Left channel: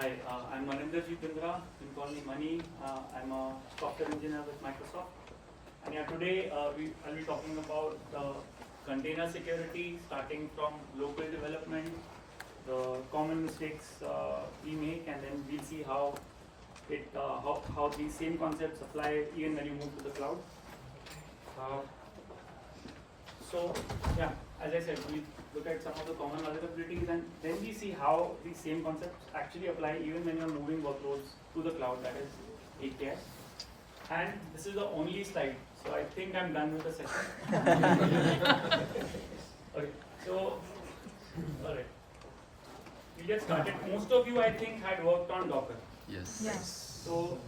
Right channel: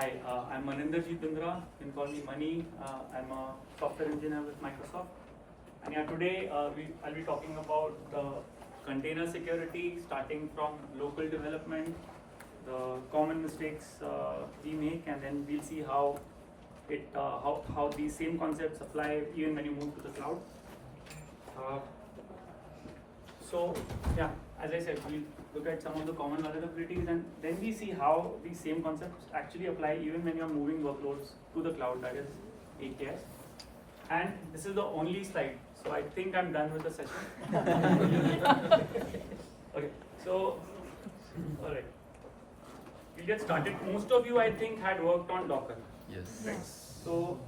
Hi, I'm Maninderjit Bindra. You can call me Mani. I'm a software engineer with Microsoft. And yeah, today I'll be talking about container security, starting from local development, the common mistakes we make, and then we'll see how how these same concepts apply even when you move to the cloud. So yeah, as I said, we look at some of the common vulnerabilities, and then we see how these same concepts actually apply even when you're moving workloads to the cloud, that is AKS. And this is the only slide, so I think I'm done with the session. Okay, so all right, we'll get started. Most of you, I think, had worked on Docker. Yes. Right? So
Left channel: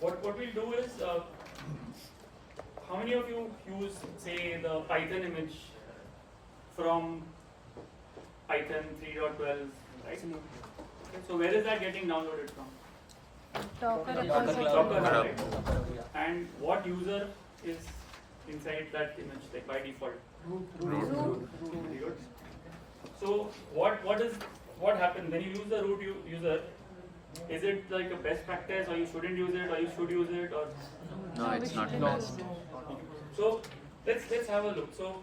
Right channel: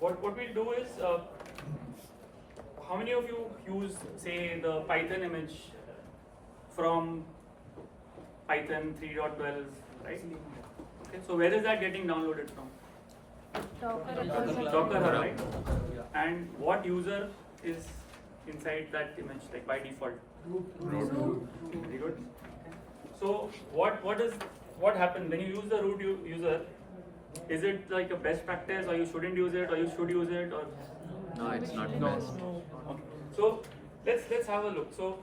what we'll do is, how many of you use, say, the Python image from Python 3.12, right? Okay, so where is that getting downloaded from? Docker, right? And what user is inside that image, like by default? Root. Very good. So what happens when you use the root user? Is it like a best practice, or you shouldn't use it, or you should use it, or? No, it's not best. Okay. So let's have a look. So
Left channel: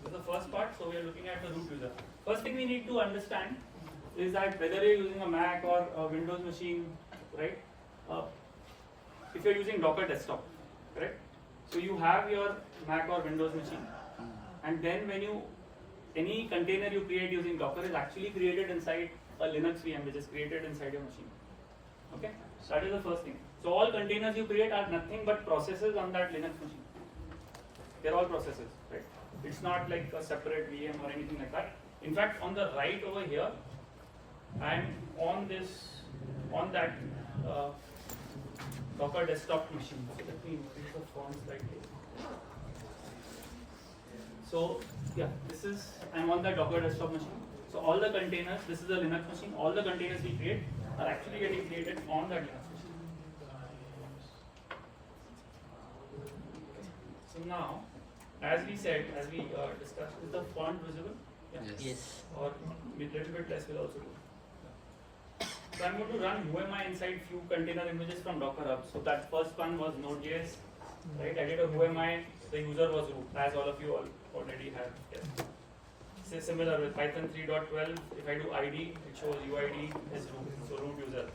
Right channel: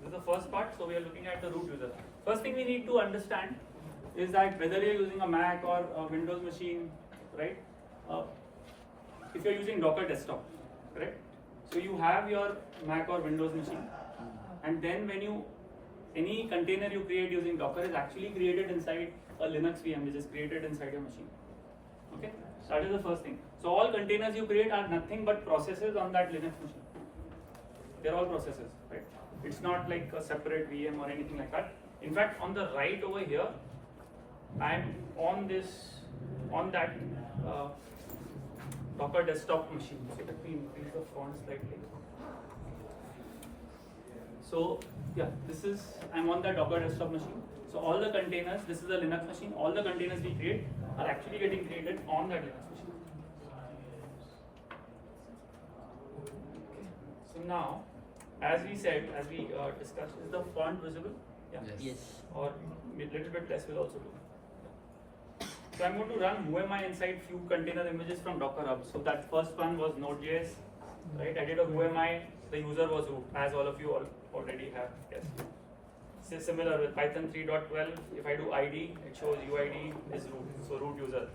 this is the first part. So we are looking at the root user. First thing we need to understand is that whether you're using a Mac or a Windows machine, right? If you're using Docker desktop, correct? So you have your Mac or Windows machine, and then when any container you create using Docker is actually created inside a Linux VM, which is created inside your machine. Okay, so that is the first thing. So all containers you create are nothing but processes on that Linux machine. They're all processes, right? It's not like a separate VM or anything like that. In fact, on the right over here, I'm on that Docker desktop machine. So let me increase the font slightly. So yeah, I'm on that Docker desktop machine. So all the containers, this is a Linux machine, all the containers we create are actually getting created on that Linux machine. So now, as we discussed, is the font visible? Yeah. Yes. Or a little bit less will also do. So I'm going to run whoami inside few container images from Docker Hub. So that first one was Node.js, right? I did a whoami, the user was root, as all of you already have. Yes. So similar with Python 3.12, if I do ID, it shows UID is root, so root user.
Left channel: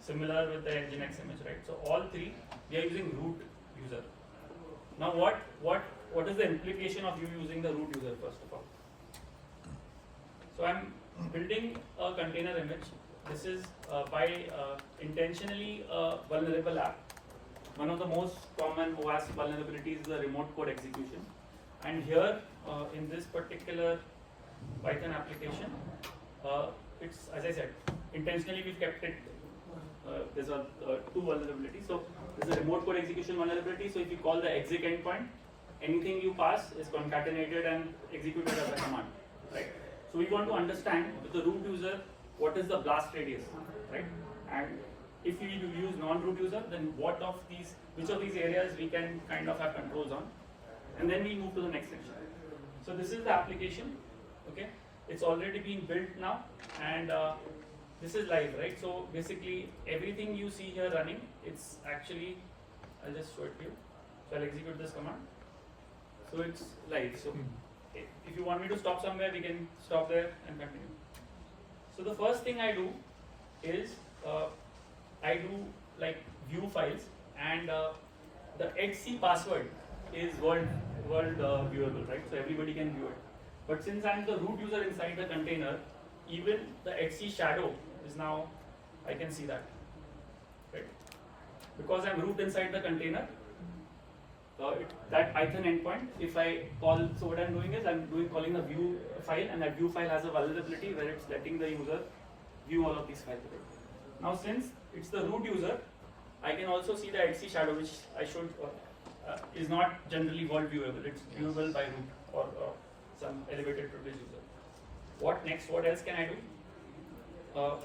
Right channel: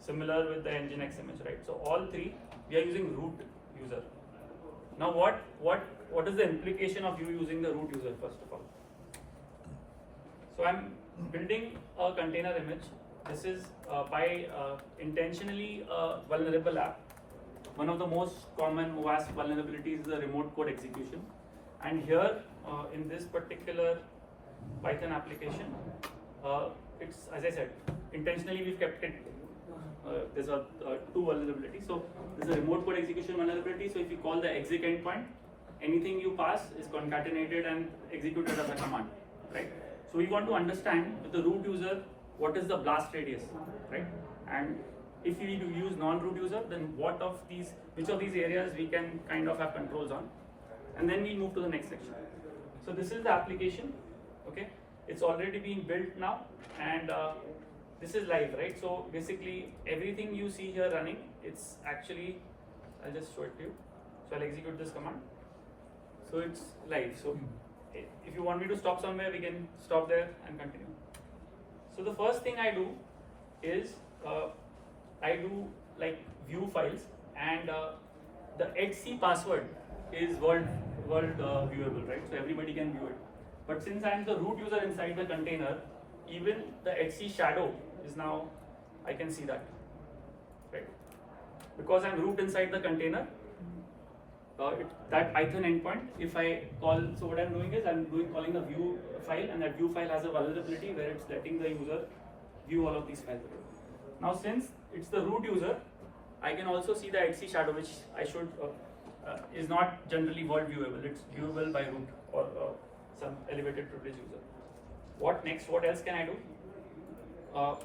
Similar with the Nginx image, right? So all three, we are using root user. Now what is the implication of you using the root user, first of all? So I'm building a container image. This is by intentionally vulnerable app. One of the most common OAS vulnerabilities is the remote code execution. And here, in this particular Python application, it's, as I said, intentionally we've kept it, there's two vulnerabilities. So there's a remote code execution vulnerability. So if you call the exec endpoint, anything you pass is concatenated and executed as a command, right? So we want to understand with the root user, what is the blast radius, right? And if we use non-root user, then which of these areas we can kind of have controls on, and then we move to the next section. So this is the application, okay? It's already been built now, and this is live, right? So basically everything you see here running, it's actually, I'll just show it to you. So I'll execute this command. So it's live. So if you want me to stop somewhere, we can stop there and continue. So the first thing I do is I do like view files, and the etc password is world viewable, right? So everybody can view it. But since I'm the root user inside the container, even the etc shadow is now, I can see that, right? Because I'm root inside the container, that Python endpoint, if I call, so what I'm doing is calling a view file, and that view file has a vulnerability where it's letting the user view all of these files. Now since it's the root user, I can also see the etc shadow, which I should is not generally world viewable. It's viewable by root or some elevated privilege user. What next? What else can I do? Now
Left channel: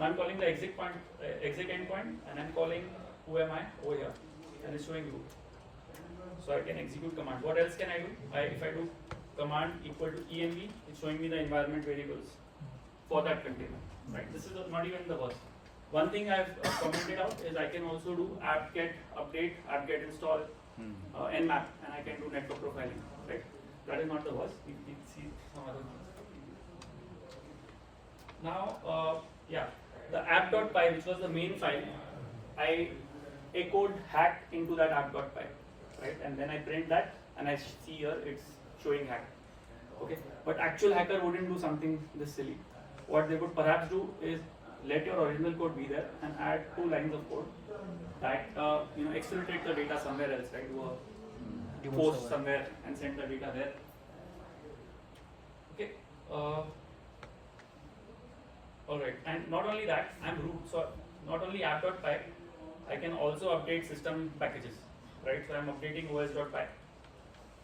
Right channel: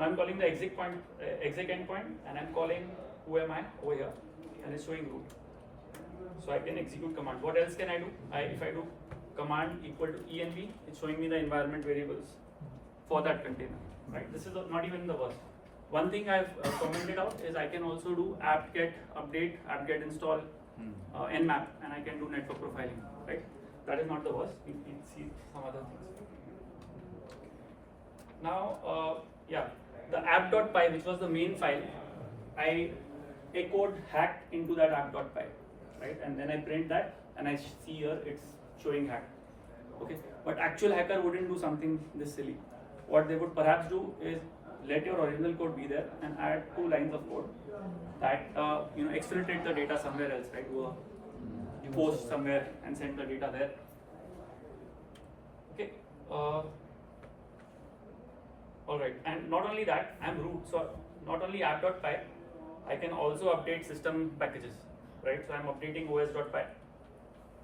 I'm calling the exec endpoint, and I'm calling whoami over here, and it's showing root. So I can execute command. What else can I do? If I do command equal to env, it's showing me the environment variables for that container, right? This is not even the worst. One thing I've commented out is I can also do apt-get update, apt-get install, nmap, and I can do network profiling, right? That is not the worst. We'll see some other things. Now, yeah, the app.py, which was the main file, I echoed hack into that app.py, right? And then I print that, and I see here it's showing hack. Okay, but actual hacker wouldn't do something this silly. What they would perhaps do is let your original code be there and add 2 lines of code that exfiltrate the data somewhere else, right? Do a post somewhere and send the data there. Okay. All right, and not only that, I'm root, so not only app.py, I can also update system packages, right? So I'm updating os.py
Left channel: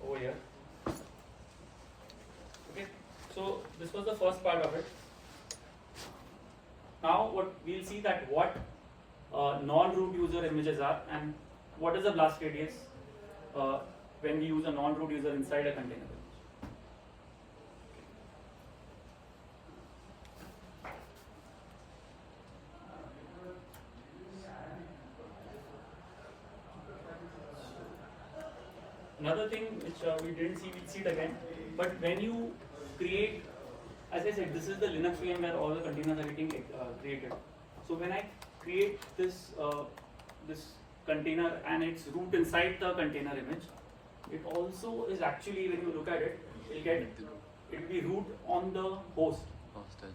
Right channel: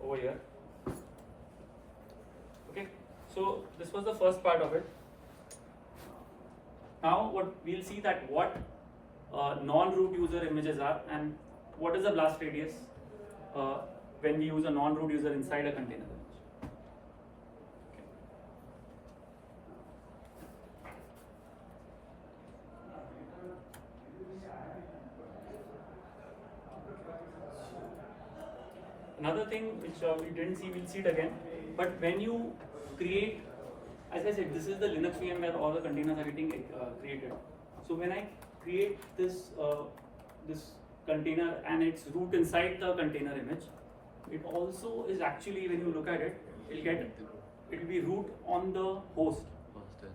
over here. Okay, so this was the first part of it. Now what we'll see that what non-root user images are and what is the blast radius when we use a non-root user inside a container. Another thing which we didn't see, we'll see it again, but when you create, as I said, this is the Linux VM where all the containers are getting created. So when I create this this container and its root inside the container image, it also is actually, when you look at it, it will be root on the host.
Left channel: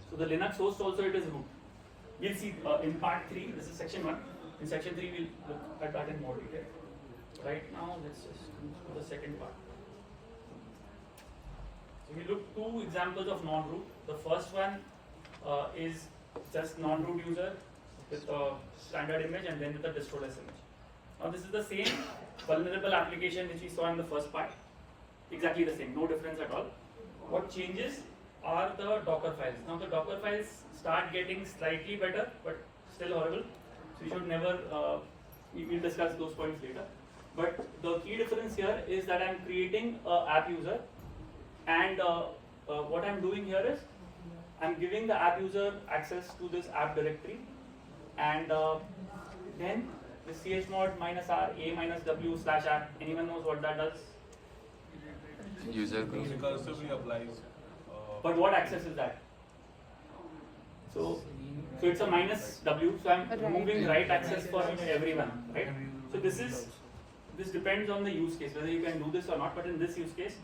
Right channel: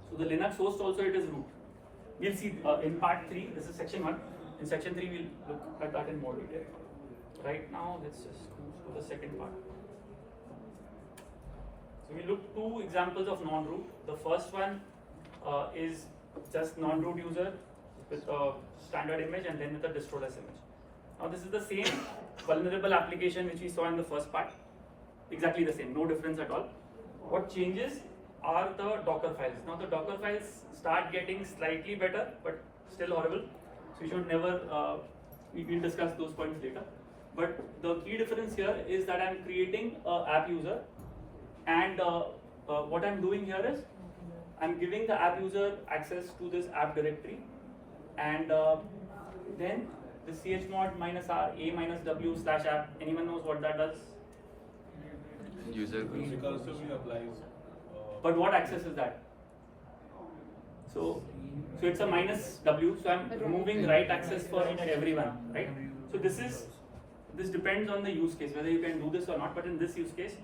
So the Linux host also it is root. We'll see in part 3, this is section 1. In section 3 we'll look at that in more detail. Right now, let's just move to the second part. So we look 2 examples of non-root. The first one is just non-root user with a standard image and then with a Distroless image. Now this is the same vulnerable application which we saw in the first part. Exactly the same, no difference at all. What changes are the Docker files. Now the Docker files start getting slightly better, but still horrible. So you should never, we'll discuss those points later. But the key difference here is that I'm creating an app user, and what I'm doing here is I'm giving the app user access to this app directory, and then the chmod -r a-w/app. Anyone knows what that does? User group. Recursively applies. But what access is that? So it's a -w. So I'm removing write access for everyone, right? So this depends on the use case, whether you can do this or not, but in this use case,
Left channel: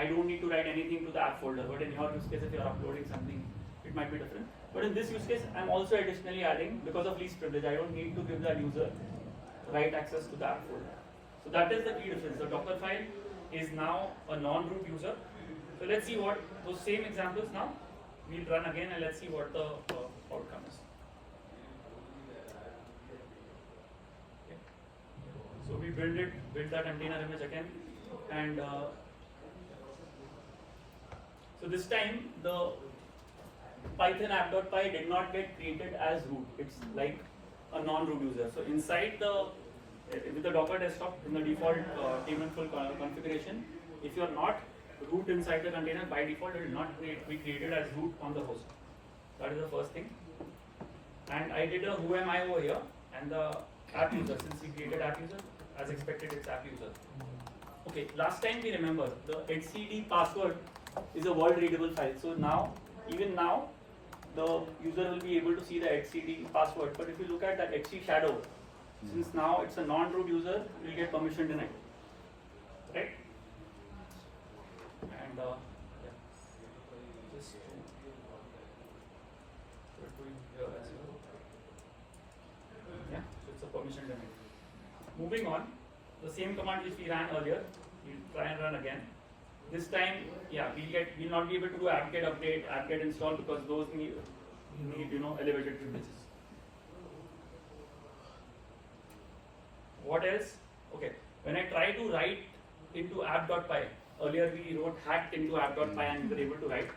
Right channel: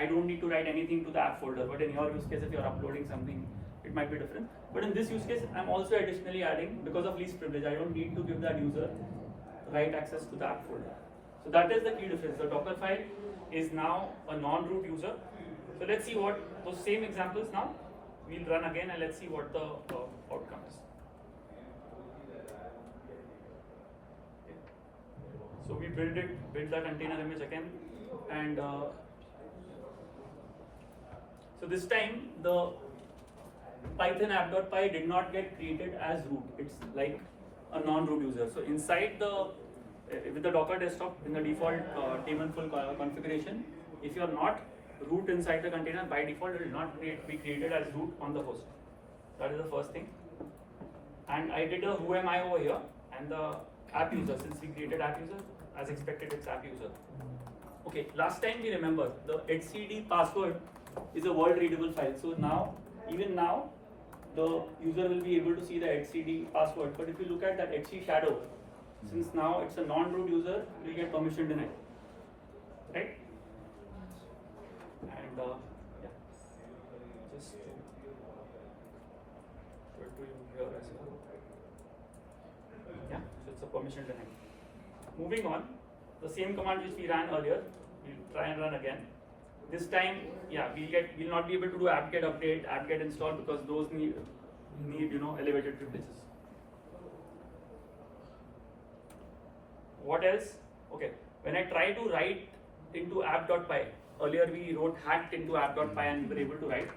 I don't need to write anything to the app folder, but in your use case, if you're uploading something, it might be different. But in this use case, I'm also additionally adding, because of least privilege, I don't need to give that user write access to the app folder. So that is the key difference. The Docker file is now a non-root user. So let's see what those same examples now, we'll run again and let's see what the outcome is. So we built that container image again, and so this time the Python app.py did not get created as root. It's like a non-root user. So inside with the Docker desktop in the default daemon full configuration, if you're not root inside the container, by default it will not be created as root on the host. That is the first thing. And I did a who am I over here, and the app user, since we created app user, as expected it's app user. Okay, last time we remember the etcd password is a world readable file. So now, even now, the user will be able to see the etcd password. But if you look at that etc shadow, since now it's a non-root user, you will get permission denied, right? And yeah, just to here as well. Yeah, so it's a permission denied. Moving on, the same command which we ran earlier, we'll try and run again. This time, yeah, we'll not be able to do apt-get update, apt-get install, because those need elevated privileges. What else? Okay, when I try to write into app.py, earlier we wrote hacked into app.py and we were able to write.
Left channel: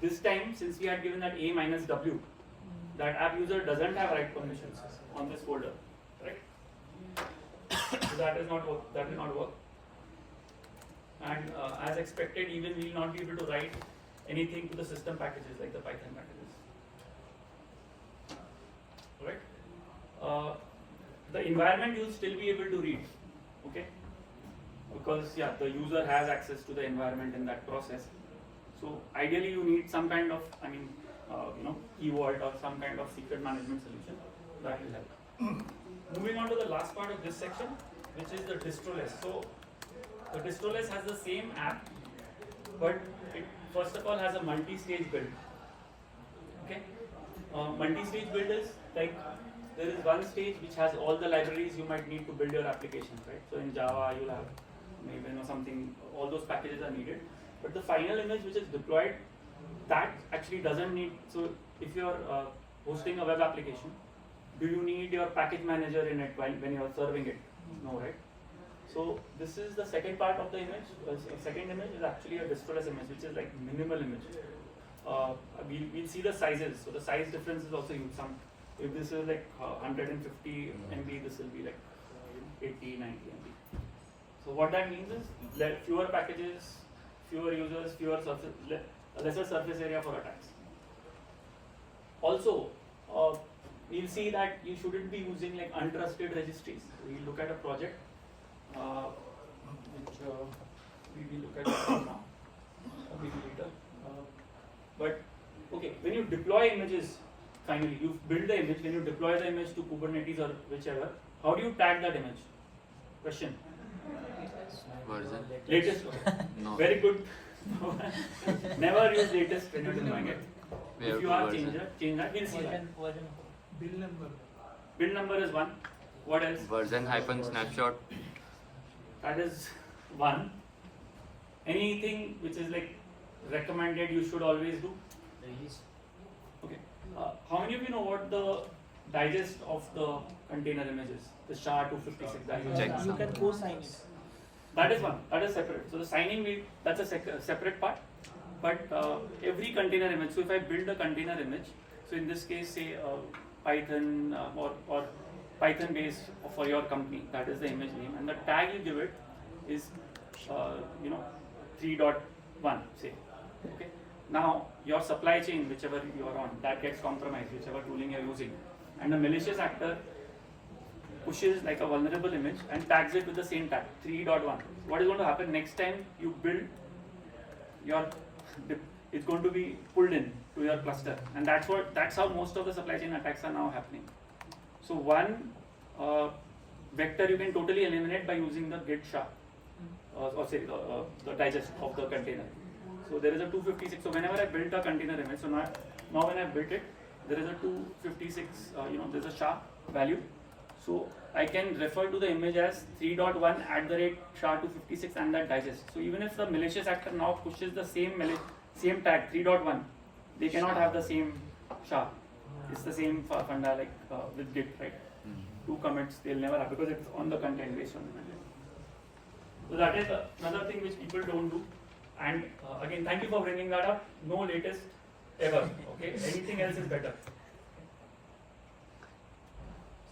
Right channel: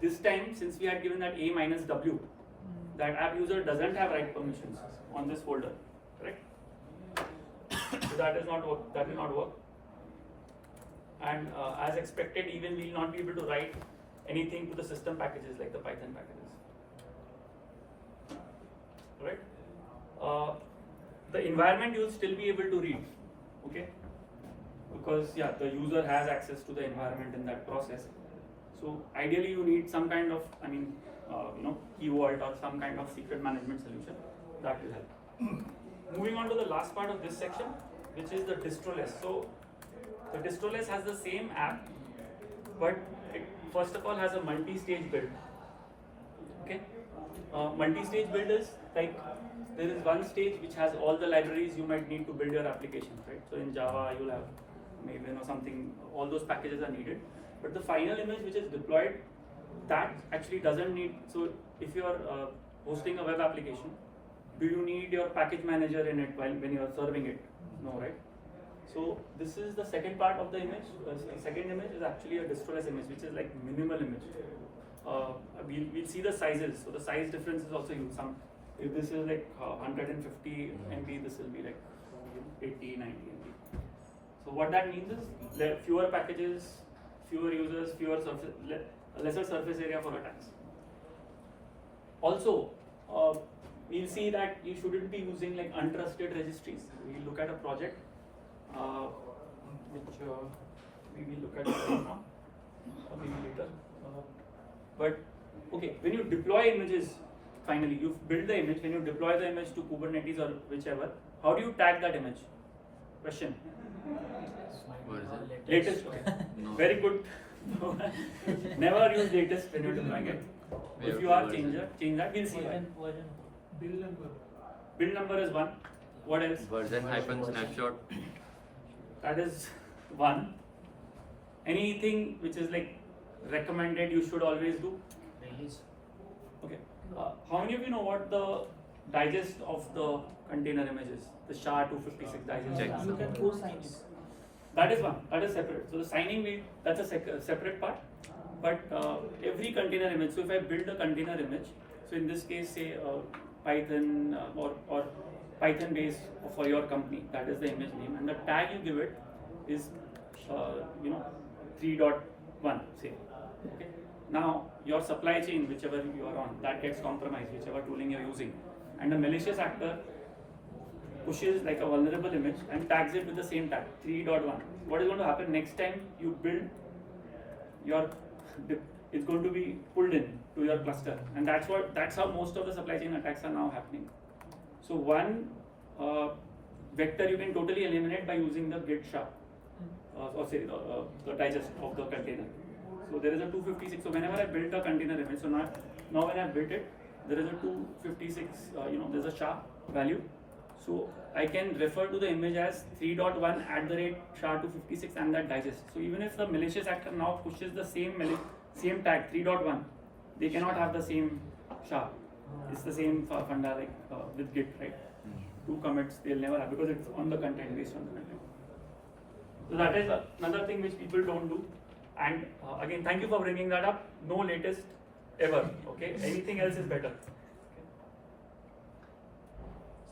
This time, since we had given that a-w, that app user doesn't have write permissions on this folder, right? So that is not work. That will not work. and as expected, even we will not be able to write anything to the system packages like the Python packages. Right? The environment you will still be able to read, okay? Because yeah, the user has access to the environment in that process. So ideally, you need some kind of, key vault or some kind of secret management solution that will help. Moving on to the last part of this section, which is the Distroless. So the Distroless has the same app, but it first of all has a multi-stage build. Okay, multi-stage build is like there is one stage which has all the libraries you might need to build your application, right? So in Java, you'll have maybe something. All those packages are needed, but the final image which is deployed, that actually doesn't need. So if you're hosting a web application, do you need your package manager in it when you're serving it? No, right? So this is the second part of the image. Second image is actually a Distroless image, which is like minimal image. We'll see the sizes. So the size difference is also huge. If this is like 150 MB, this will be like 80, 90 MB. So what that means is fewer packages, fewer users, lesser surface area for attacks. Also, we'll see that you shouldn't be using like untrusted registries. We'll look at a project which we will look at right now, maybe later. But okay, when you deploy images, finally you build the image. When you deploy the image to Kubernetes or whichever, how do you tag that image? Question. Version. Latest. Okay. No. Very good. Never use latest when you're deploying it. If you are change that. We'll see why. Build number is 1. What else? Version hyphen snapshot. That is 1. Anything which is like recommended you should always do? Okay. How many of you know what the digest of the container image is? The SHA-256 digest. Check. You can co-sign it. That is one. That is separate. So the signing, that's a separate part. But every container image. So if I build a container image, so in this case, say Python or Python base for your company, that is the image name, and the tag you give it is 3.1, say. Okay. Now your supply chain, whichever you are on, that gets compromised, whichever tooling you are using, and a malicious actor pushes like a vulnerable image and tags it with the same tag 3.1. What is going to happen next time you build it's going to be pulled in to your cluster, and that's how most of the supply chain attacks are now happening. So one vector you can totally eliminate by using the git SHA or say the digest of the container. So there is a 256. So whenever I built a container image, so now when I built it, there is a 256. There's a SHA value. So I can refer to the image as 3.1 @ SHA-256 and that digest. So even if the malicious actor now pushes the same tag 3.1, they cannot have the same SHA. It's the same funda like with Git, right? 2 commits they'll never have because it's on the content, based on the content. So that is another thing which people don't do. And again, thank you for bringing that up. No latest ever. Okay, anything else is better.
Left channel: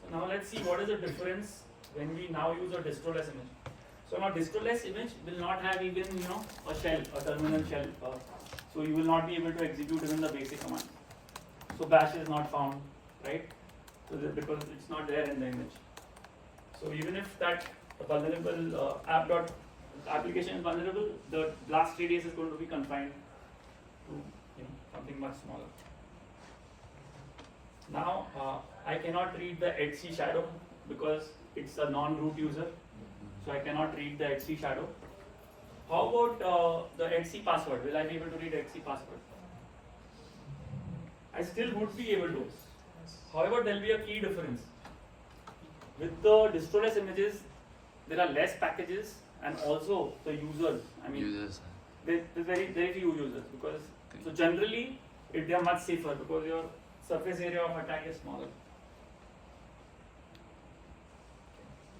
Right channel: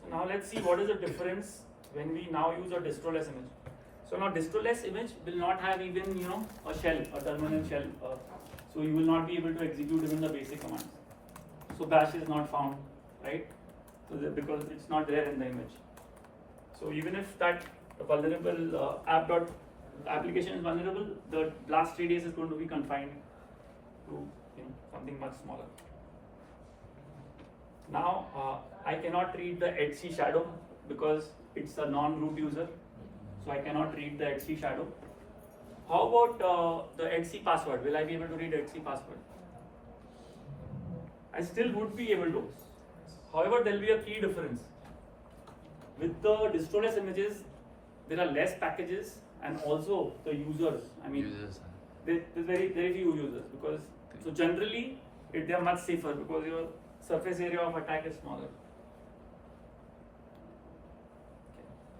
So now let's see what is the difference when we now use a Distroless image. So now Distroless image will not have even a shell, a terminal shell. So you will not be able to execute even the basic command. So bash is not found, right? So because it's not there in the image. So even if that vulnerable application is vulnerable, the last 3 days is going to be confined to something much smaller. Now I cannot read the etc shadow because it's a non-root user, so I cannot read the etc shadow. How about the etc password? Will I be able to read etc password? I still would be able to. However, there will be a key difference. With the Distroless images, there are less packages and also the users. Users. There's very few users because so generally they are much safer because your surface area of attack is smaller.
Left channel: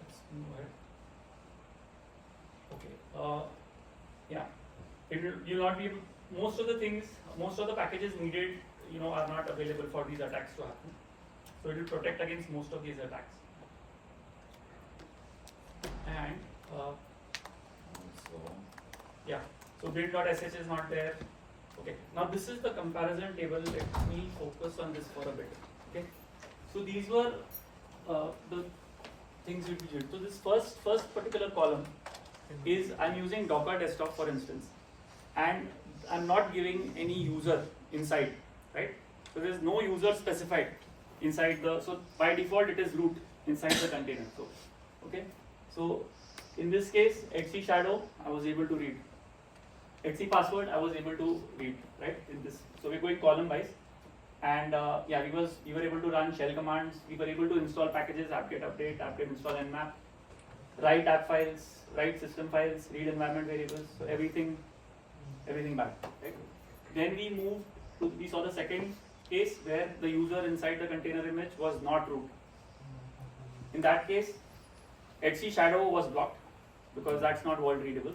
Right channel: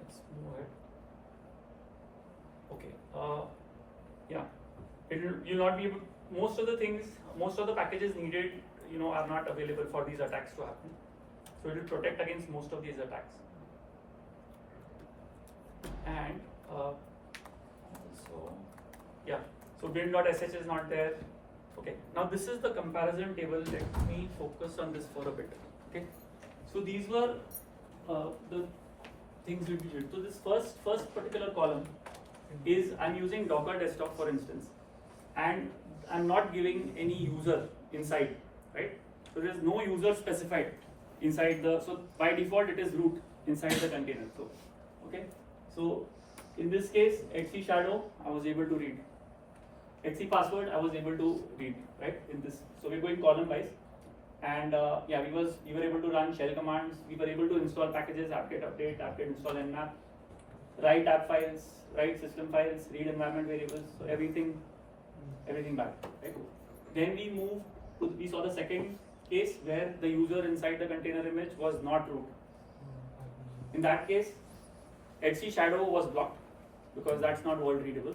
Let's move ahead. Okay. You'll not be able. Most of the packages needed, are not available for these attacks to happen. So it will protect against most of these attacks. And Yeah. So bin.sh is not there. Okay. Now this is the comparison table. Let me focus on this for a bit. Okay. So these were the things we did. So this first particular column is I'm using Docker desktop for instance, and I'm not giving any user inside, right? So there's no user specified inside the. So by default it is root inside the container. So okay. So in this case, etc shadow I was able to read. etc password I was able to read, right? In this, so we're going column wise, and yeah, we were able to run shell commands. We were able to install packages, apt-get update, apt-get install nmap, write app files, write system files, read environment variables, so everything back, right? Then we moved to, we saw the second case where the user inside the container image was not root. In that case, etc shadow was blocked because that's not world readable.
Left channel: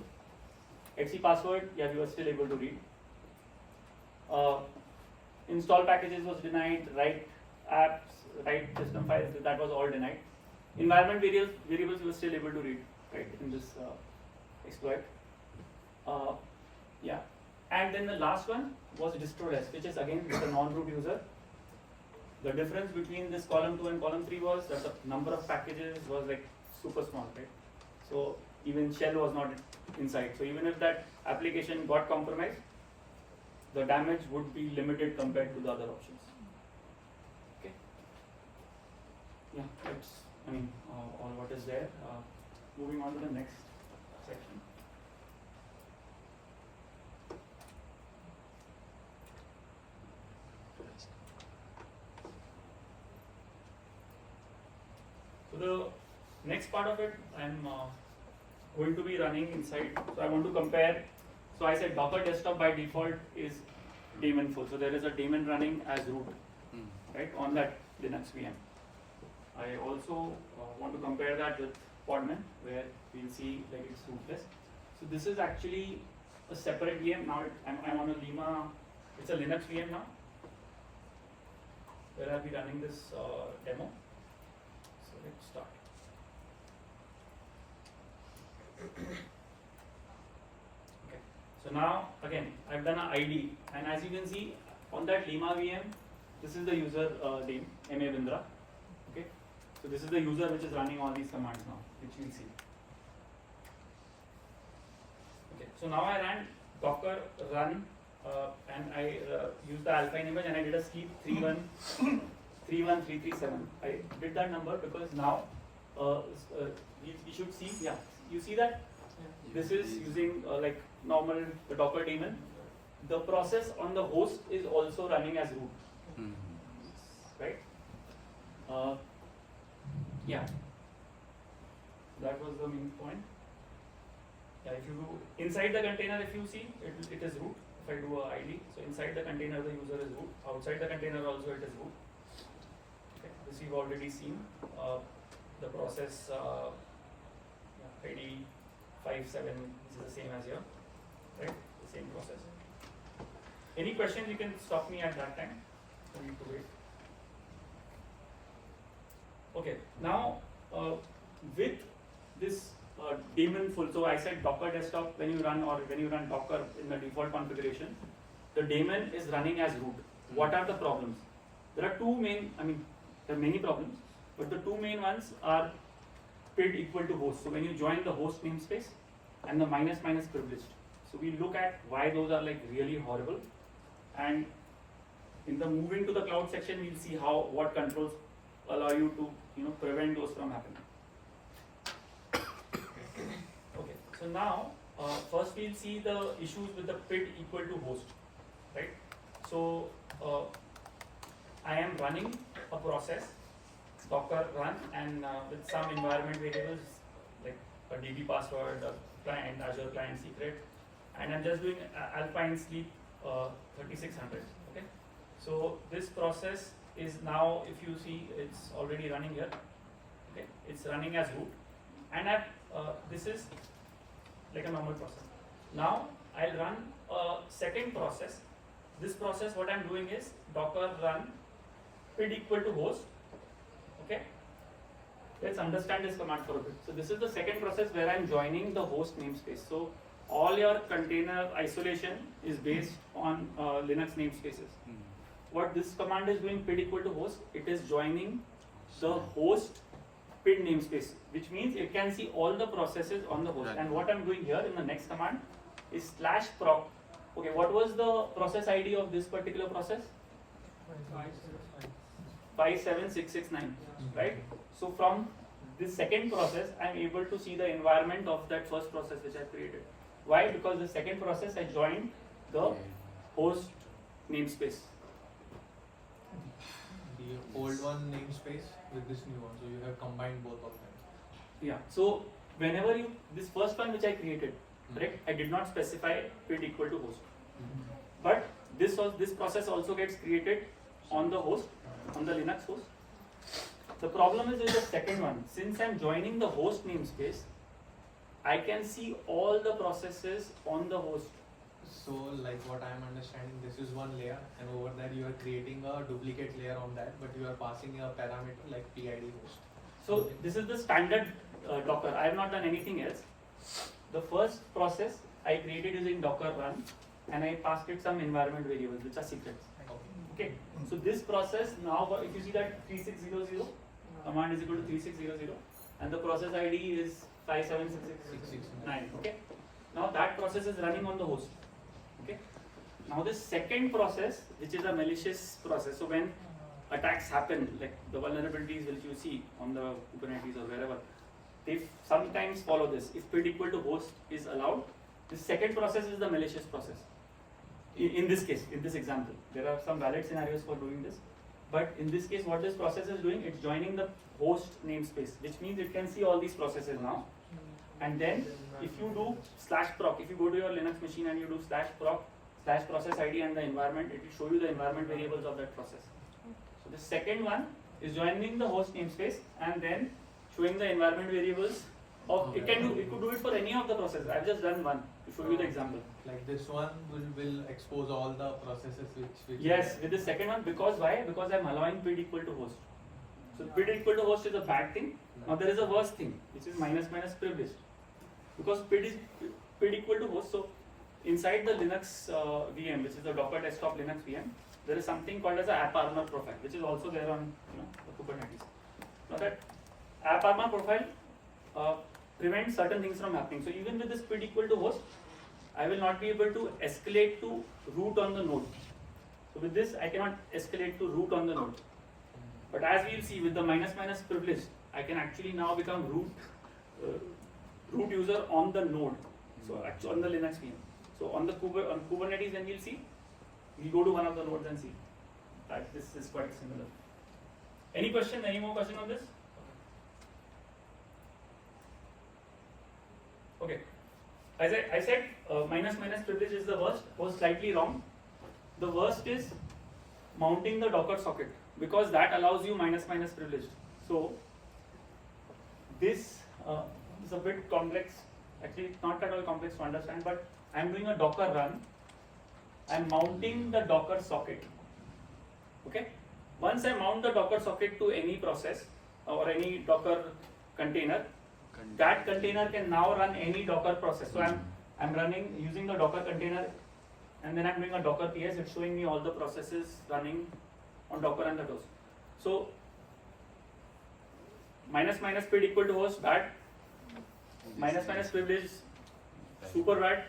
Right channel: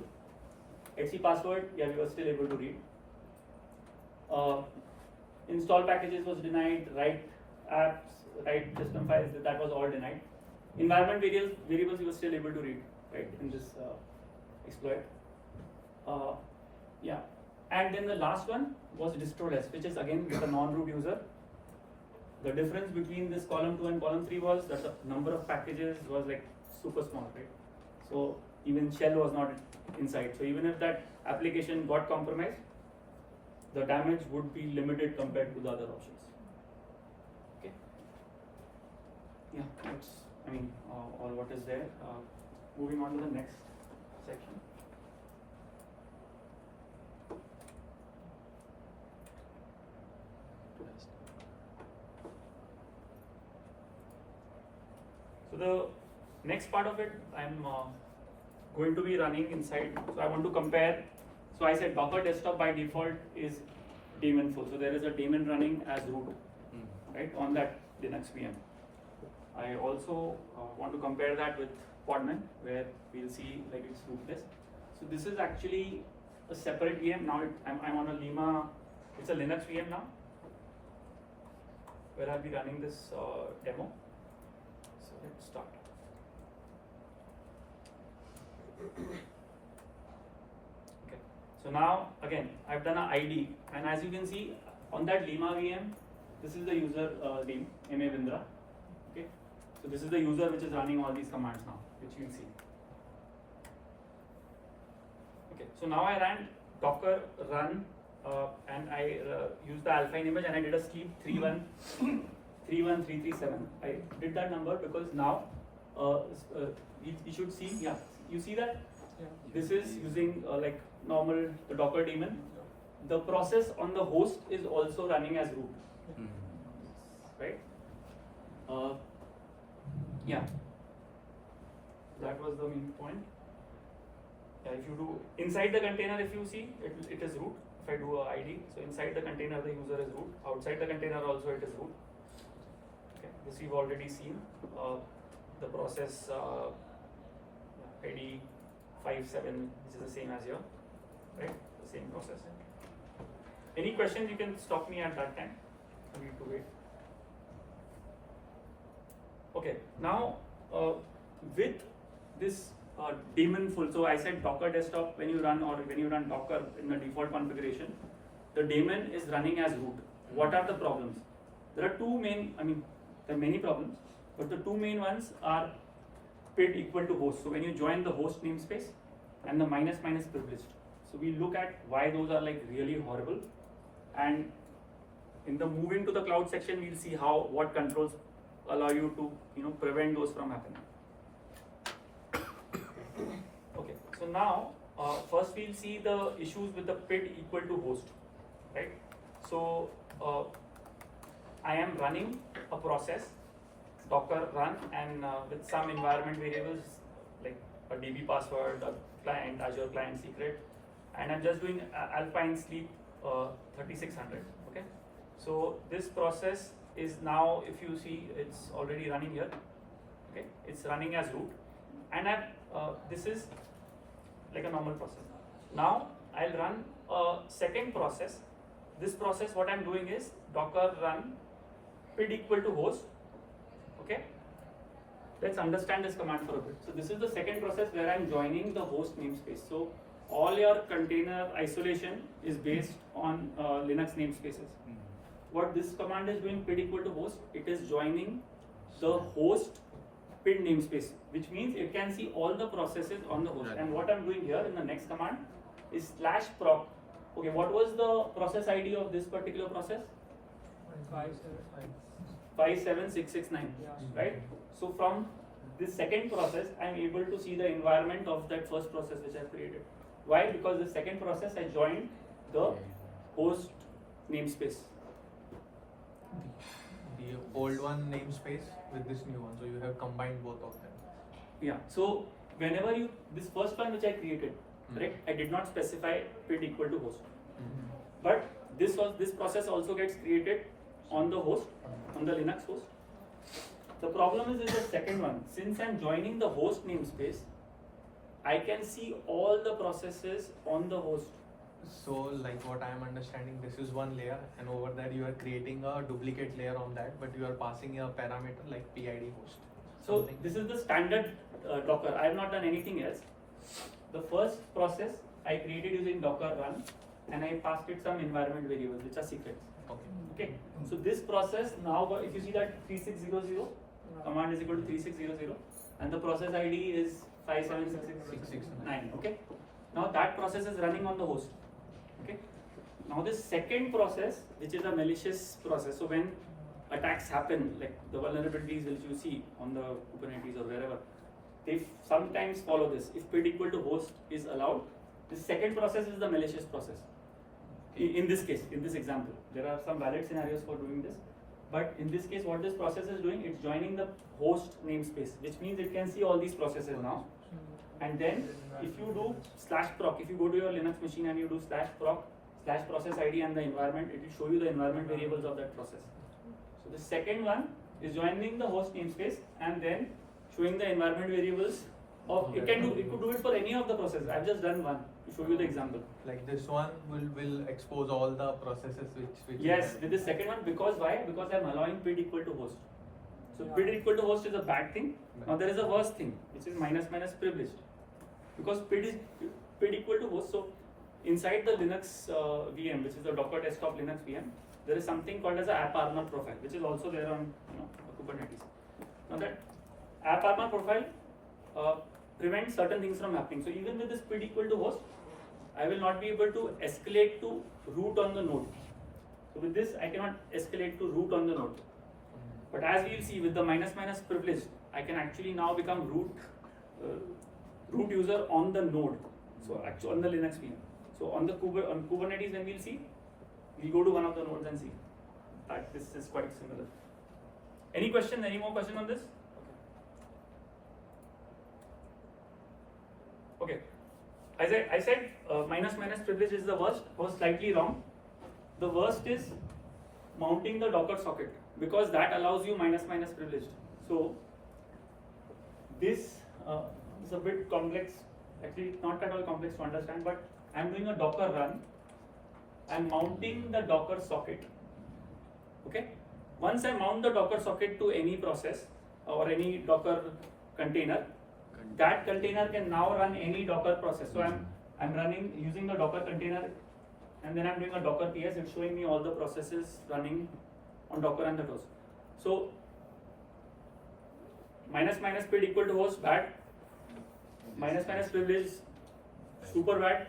etc password, yeah, we were still able to read. Install packages was denied, write apps, write system files, that was all denied. Environment variables we were still able to read, right, in this exploit. Yeah, and then the last one was Distroless, which is again with a non-root user. The difference between this column 2 and column 3 was that the number of packages was like super small, right? So even shell was not inside. So even if that application got compromised, the damage would be limited compared to the other options. Okay. Yeah, that's all what is there. Moving on to the next section. So the next part of it, I'm going to be running inside. So I want to compare. So I said Docker desktop by default is daemon full. So there is a daemon running as root, right, on that Linux VM. I also want to compare that with Podman, where we'll see like it's rootless. So this is actually a separate VM. Now I'm on a Lima. It's a Linux VM now, where I'll be running this demo. So let's start. Okay. So now again I've done an ID, and as you can see on that Lima VM, this is the user name Ma Bindra. Okay. So this is the user which is running all these commands now, which you'll see. Okay. So now I ran Docker run and I used the alpine image and I did a sleep 31337. I did that number because now we should see, yeah, you see that this is using like normal the Docker daemon. The process on the host is also running as root, right? Yeah, that was the main point. Yeah, if you do inside the container, if you see it is root. If I do a ID, so inside the container the user is root. Outside the container also it is root. Okay, this we've already seen. The process ID 57. This is the same as here, right? The same process. Any questions? You can stop me at that time. I need to wait. Okay, now with this daemon full, so I said Docker desktop when you run Docker in the default configuration, the daemon is running as root. What are the problems? There are two main, there are many problems, but the two main ones are PID equal to host. So when you join the host namespace and the minus privileged. So we look at why those are like really horrible, and in the moving to the cloud section, we'll see what controls allow you to prevent those from happening. Okay, so now first we'll see the issues with the PID equal to host, right? So I am running a process, Docker run, and with some environment variables like a DB password, a client, Azure client secret, and I'm just doing alpine sleep 3600. Okay, so this process is now, if you see, it's already running here. Okay, it's running as root, and this is like a normal process. Now I'll run a second process. This process, what I'm doing is Docker run PID equal to host. Okay, let's understand this command for a bit. So this is the second process where I'm joining the host namespace. So all your container isolation is based on Linux namespaces. What this command is doing, pid equal to host, it is joining the host pid namespace, which means it can see all the processes on the host. Right. And what I'm doing here in the next command is /proc. Okay, what was the process ID of this particular process? 57669, right? So from this second process, I'm able to see the environment of that first process which I created. Why? Because the second process I joined the host namespace. The old one namespace with this new one, so you have combined both of them. Yeah. So whenever you this first one which I created, right? I did not specify pid equal to host, but this process also gets created on the host, on the Linux host. The problem is with the second one. Since I'm joining the host namespace, I can see all the processes on the host. So, like what I'm understanding, this is one layer, and over that you are creating a duplicate layer on that, but you are passing a parameter like PID host. So this is the standard Docker. I have not done anything else. The first process I created using Docker run, and I passed it some environment variables which are secrets. Okay. So this process now, if you see that 3600 command is equal to 3600, and the process ID is 57669. Okay. Now that process is running on the host. Okay. Now this second process, which is a malicious process, so when attacks happen, like the vulnerabilities which you see on the Kubernetes or wherever, they sometimes follow this. If pid equal to host is allowed, the second process is the malicious process. In this case, in this example, there are some valid scenarios for doing this, but in this case, what this process is doing, it's joining the host namespace, which means it can see all these processes now. And then, if you do /proc, if you go to your Linux machine and you do /proc /process ID and the environment, it will show you the environment variables of that process. So the second one is joining the host namespace and then showing the environment variables of it could do it for any of the processes. I've just done one to show you the example. Like this one will expose all the processes which Yes, with the second one, because why? Because I'm allowing pid equal to host. So pid equal to host is a bad thing. Now there is a worse thing, which is -- privileged. Because pid equal to host, so inside the Linux VM, which is the Docker desktop Linux VM, there is something called as a AppArmor profile, which is also there on Kubernetes. Now that AppArmor profile prevents certain things from happening. So even with this pid equal to host, I will not be able to escalate to root on the node. So with this, I cannot escalate to root on the node. But as we will see with the -- privilege, I can actually now become root user on the node. So actually on the Linux VM. So on Kubernetes, when we'll see, we'll go to one of the nodes and see. This is quite similar. Any question? Any more question on this? Okay. As I said, -- privilege is the worst. Was slightly wrong. The worst is mounting the Docker socket, because that allows you -- privilege. So this is a bit complex. Actually, it's not at all complex to understand, but I'm doing a Docker run. I'm mounting the Docker socket. Okay. Once I mount the Docker socket to any process or any Docker container, that container can now run any Docker process. So I'm running using the Docker container, and then I'm doing a Docker PS. It's showing me all the processes running on Docker and the host. So -- pid equal to host, bad. -- privilege, super bad,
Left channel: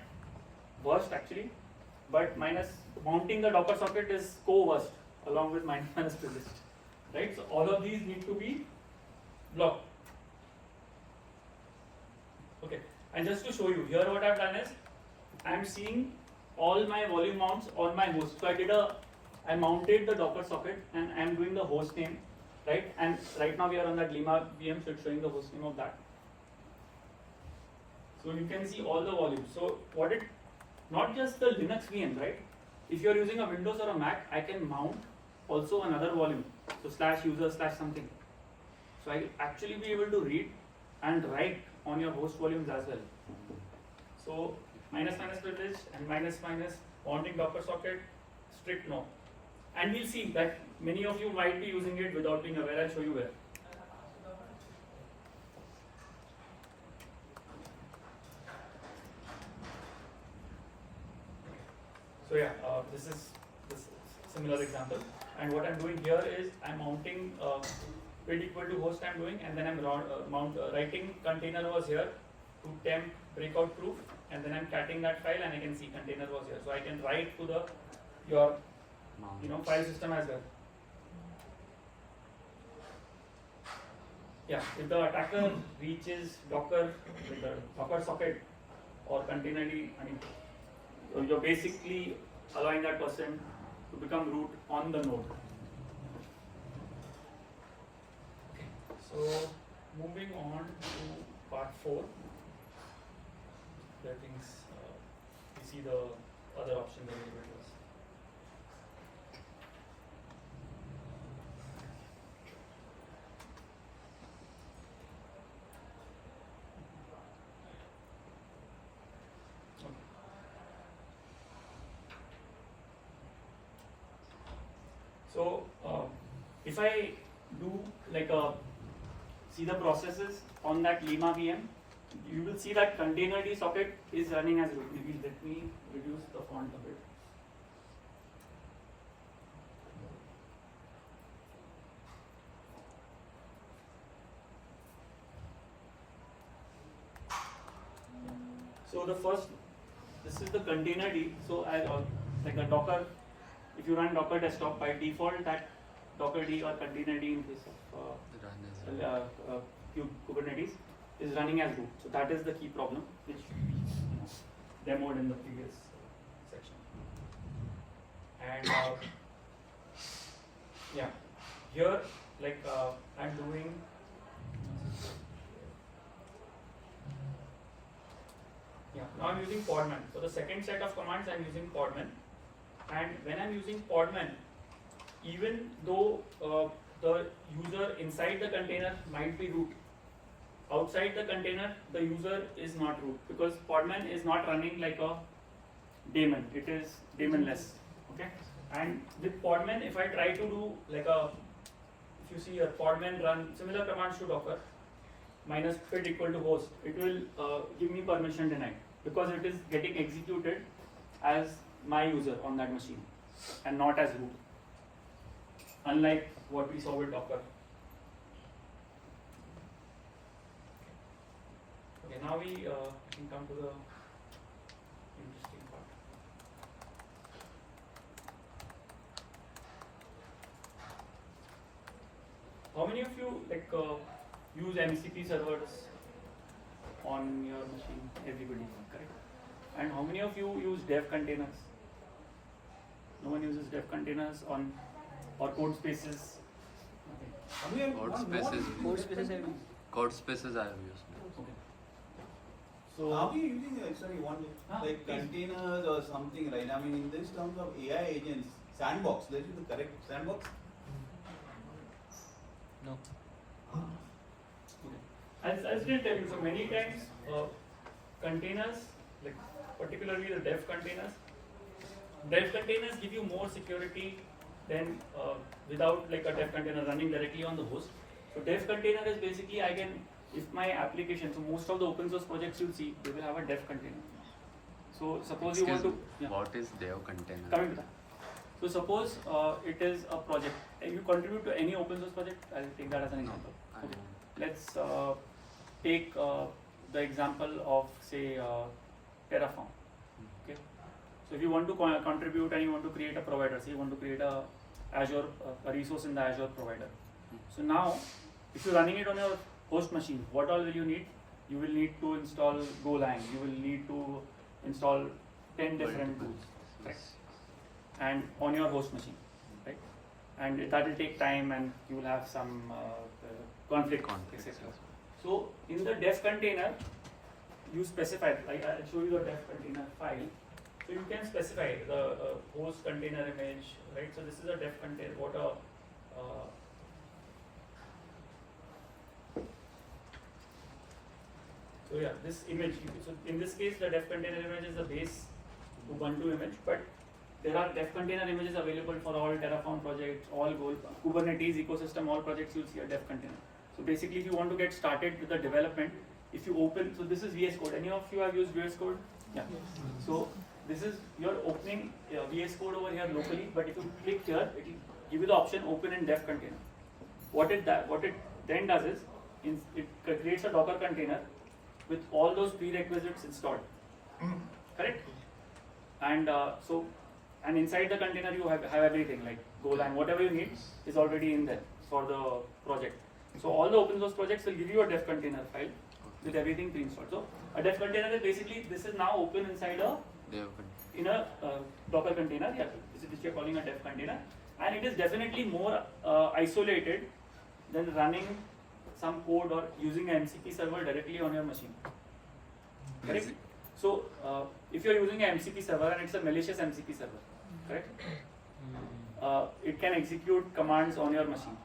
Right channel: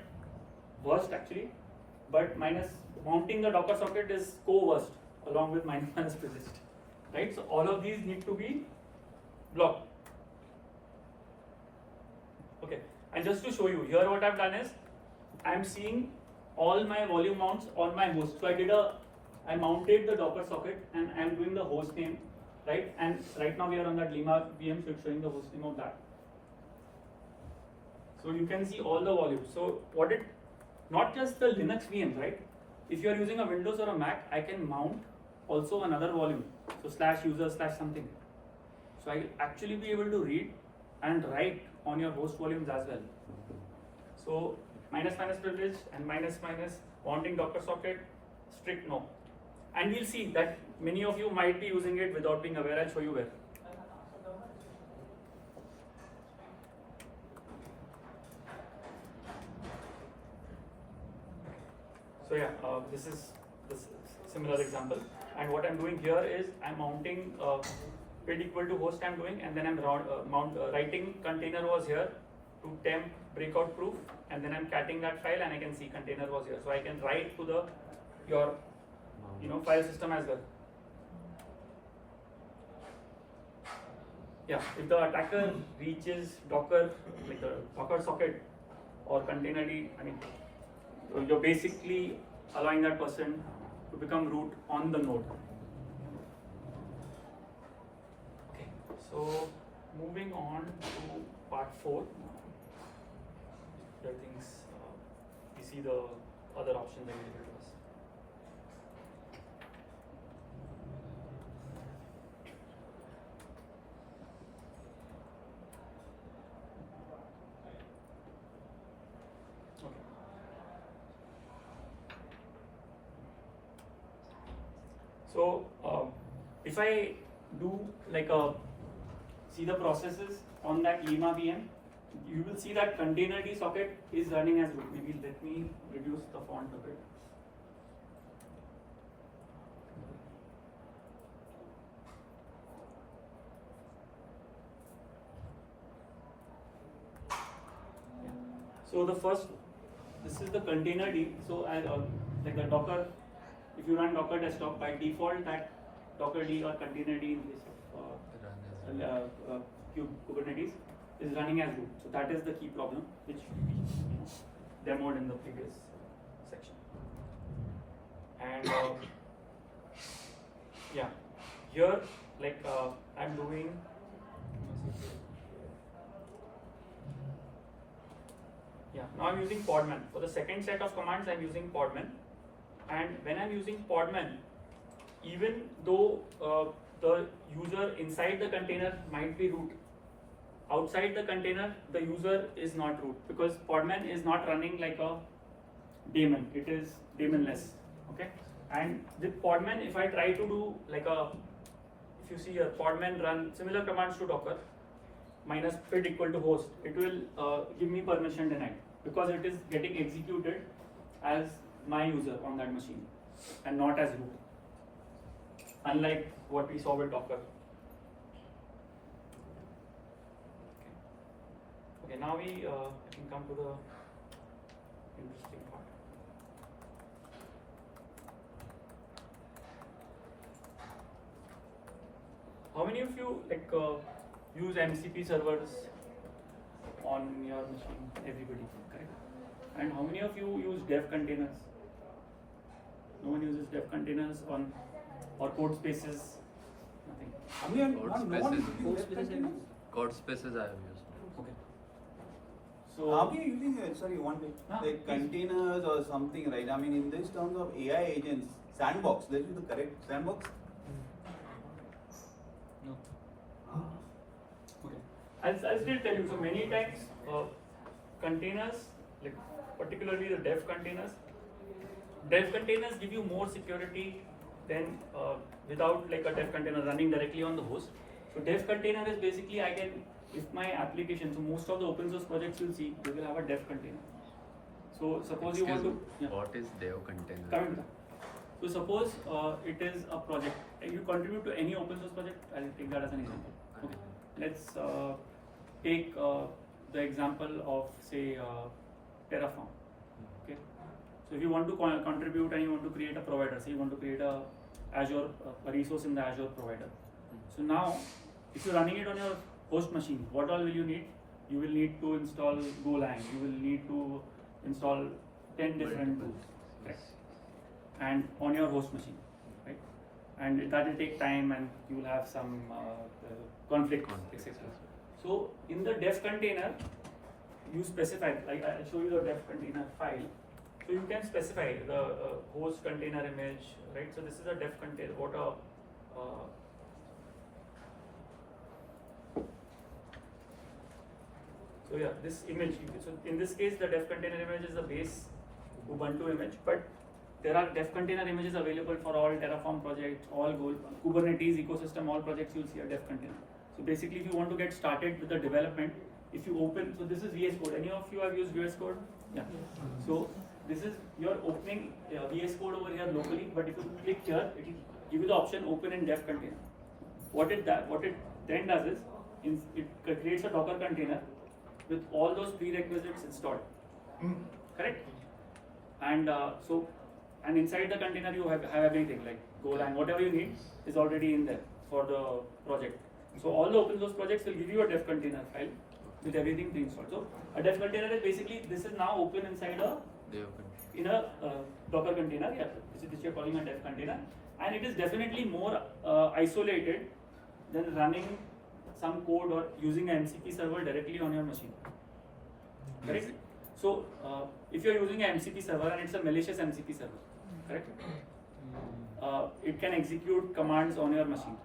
worst actually. But mounting the Docker socket is co-worst along with -- privilege, right? So all of these need to be blocked. Okay, and just to show you here, what I've done is I'm seeing all my volume mounts on my host. So I mounted the Docker socket and I'm doing the host name, right? And right now we are on that Lima VM, so it's showing the host name of that. So you can see all the volumes. So not just the Linux VM, right? If you are using a Windows or a Mac, I can mount also another volume. So /user /something. So I will actually be able to read and write on your host volumes as well. So -- privilege and -- mounting Docker socket, strict no. And we'll see that many of you might be using it without being aware. I'll show you where. So yeah, this is similar example. And what I'm doing here is I'm mounting build equal to host I'm doing, and then I'm writing container was here to temp breakout proof, and then I'm catting that file, and I can see container was here. So I can write to your file system as well. Yeah, if the attacker reaches Docker with the Docker socket or containerd, you're basically allowing that person to become root on the node. Okay, so moving on to part 4. There are things we see the other options available to us. So if I do see the processes on that Lima VM, you will see that containerd socket is running as root. Maybe let me reduce the font a bit. So the first, this is the containerd. So I like the Docker. If you run Docker desktop, by default that Docker D or containerd in this Kubernetes is running as root. So that is the key problem which we demoed in the previous section. And yeah, here I'm doing. Yeah, now I'm using podman. For the second set of commands, I'm using podman. And when I'm using podman, even though the user inside the container might be root, outside the container the user is not root, because podman is not running like a daemon, it is daemonless. Okay, and with podman, if I try to do if you see here, podman run similar commands to Docker minus build equal to host, it will give me permission denied, because it is getting executed as my user on that machine and not as root, unlike what we saw with Docker. Okay, now we can come to the interesting part. How many of you use MCP servers on your machine? Everybody, correct? And how many of you use dev containers? No one uses dev containers or code spaces? Nothing. Code spaces I have used. Okay. So are you using containers or something, right? In this terms of AI agents, Sandboxed, this is the correct Sandboxed? No. Okay. I'll still tell you. So many times, containers, particularly the dev containers give you more security than without a dev container running directly on the host. So dev container is basically, if my application, so most of the open source projects you'll see, they will have a dev container. So suppose you want to. Yeah. What is dev container? Coming to that. So suppose it is a project, and you contribute to any open source project. I'll take that as an example. Okay. Let's take the example of say Terraform. Okay. So if you want to contribute and you want to create a provider, say you want to create a Azure a resource in the Azure provider. So now, if you're running it on your host machine, what all will you need? You will need to install Golang. You will need to install 10 different tools, right? And on your host machine, right? And that will take time, and you will have some conflict, etc. So in the dev container, you specify, I'll show you the dev container file. So you can specify the host container image, right? So this is a dev container. So yeah, this image. So in this case, the dev container image is the base Ubuntu image, but there are dev container images available for all Terraform projects, all Kubernetes ecosystem, all projects. You'll see a dev container. So basically, if you want to get started with the development, if you open, so this is VS Code. Any of you have used VS Code? Yeah. So this is you're opening VS Code over here locally, but if you click here, it will give you the option open in dev container. What it then does is it creates a Docker container with all those prerequisites installed. Correct? And and inside the container you have everything like Golang, whatever you need is already in there for the project. So all the open source projects will give you a dev container file with everything pre-installed. So a dev container is basically, this is now open inside a Docker container, yeah, which we are calling a dev container, and it is definitely more isolated than running some code or using an MCP server directly on your machine. Correct? So if you are using an MCP server and it's a malicious MCP server, correct? It can execute commands on your machine.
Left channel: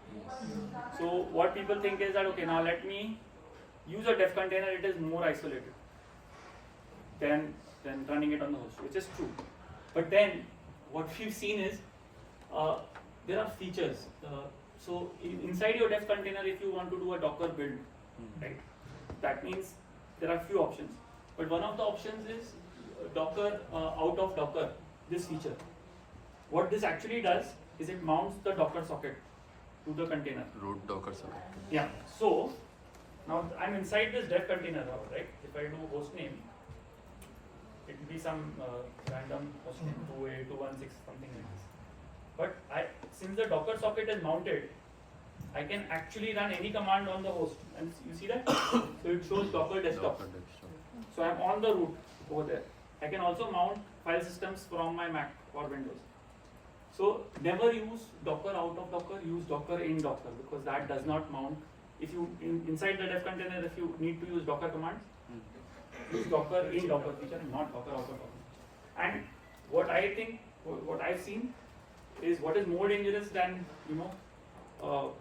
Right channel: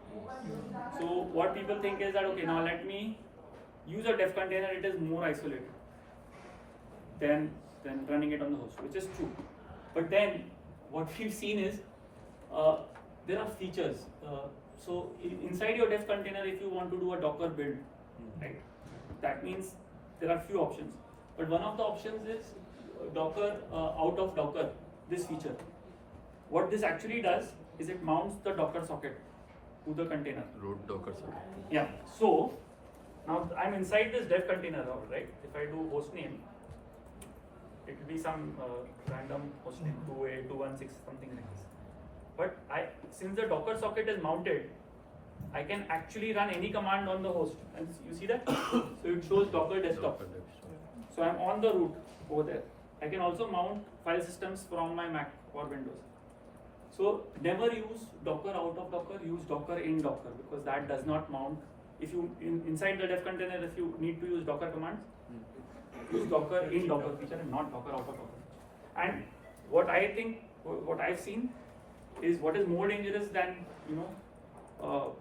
So what people think is that, okay, now let me use a dev container, it is more isolated than running it on the host, which is true. But then what we've seen is there are features. So inside your dev container, if you want to do a Docker build, right, that means there are few options. But one of the options is Docker out of Docker, this feature. What this actually does is it mounts the Docker socket to the container. Root Docker socket. Yeah. So now I'm inside this dev container, right? If I do hostname, it will be some random hostname 28216 something like this. But since the Docker socket is mounted, I can actually run any command on the host, and you see that? So it shows Docker desktop. So I'm on the root over there. I can also mount file systems from my Mac or Windows. So never use Docker out of Docker, use Docker in Docker, because that does not mount. If you inside the dev container, if you need to use Docker commands, use Docker in Docker feature and not Docker out of Docker. And what I think, what I've seen is what is more dangerous than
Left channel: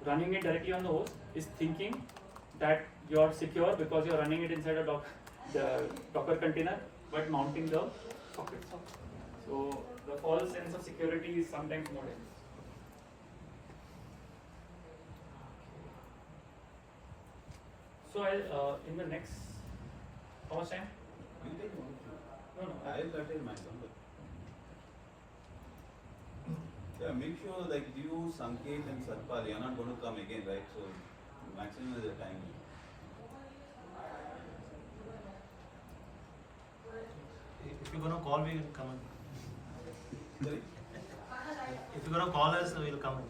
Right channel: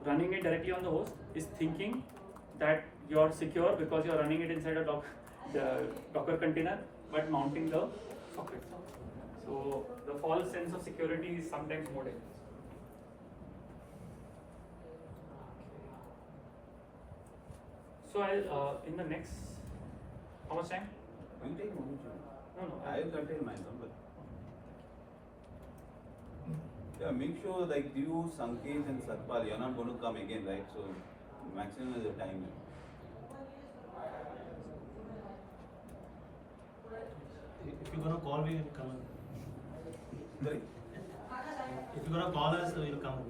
running it directly on the host is thinking that you're secure because you're running it inside a the Docker container, but mounting the sockets. So the false sense of security is sometimes more dangerous. So I'll in the next, how much time? You take one. No. I'll contain mine. Yeah, make sure like you, Sanket and Satpal, you're not going to come again, right? So maximum is the time. If you're gonna call me, we'll come. Sorry? If you're gonna call us, we'll come.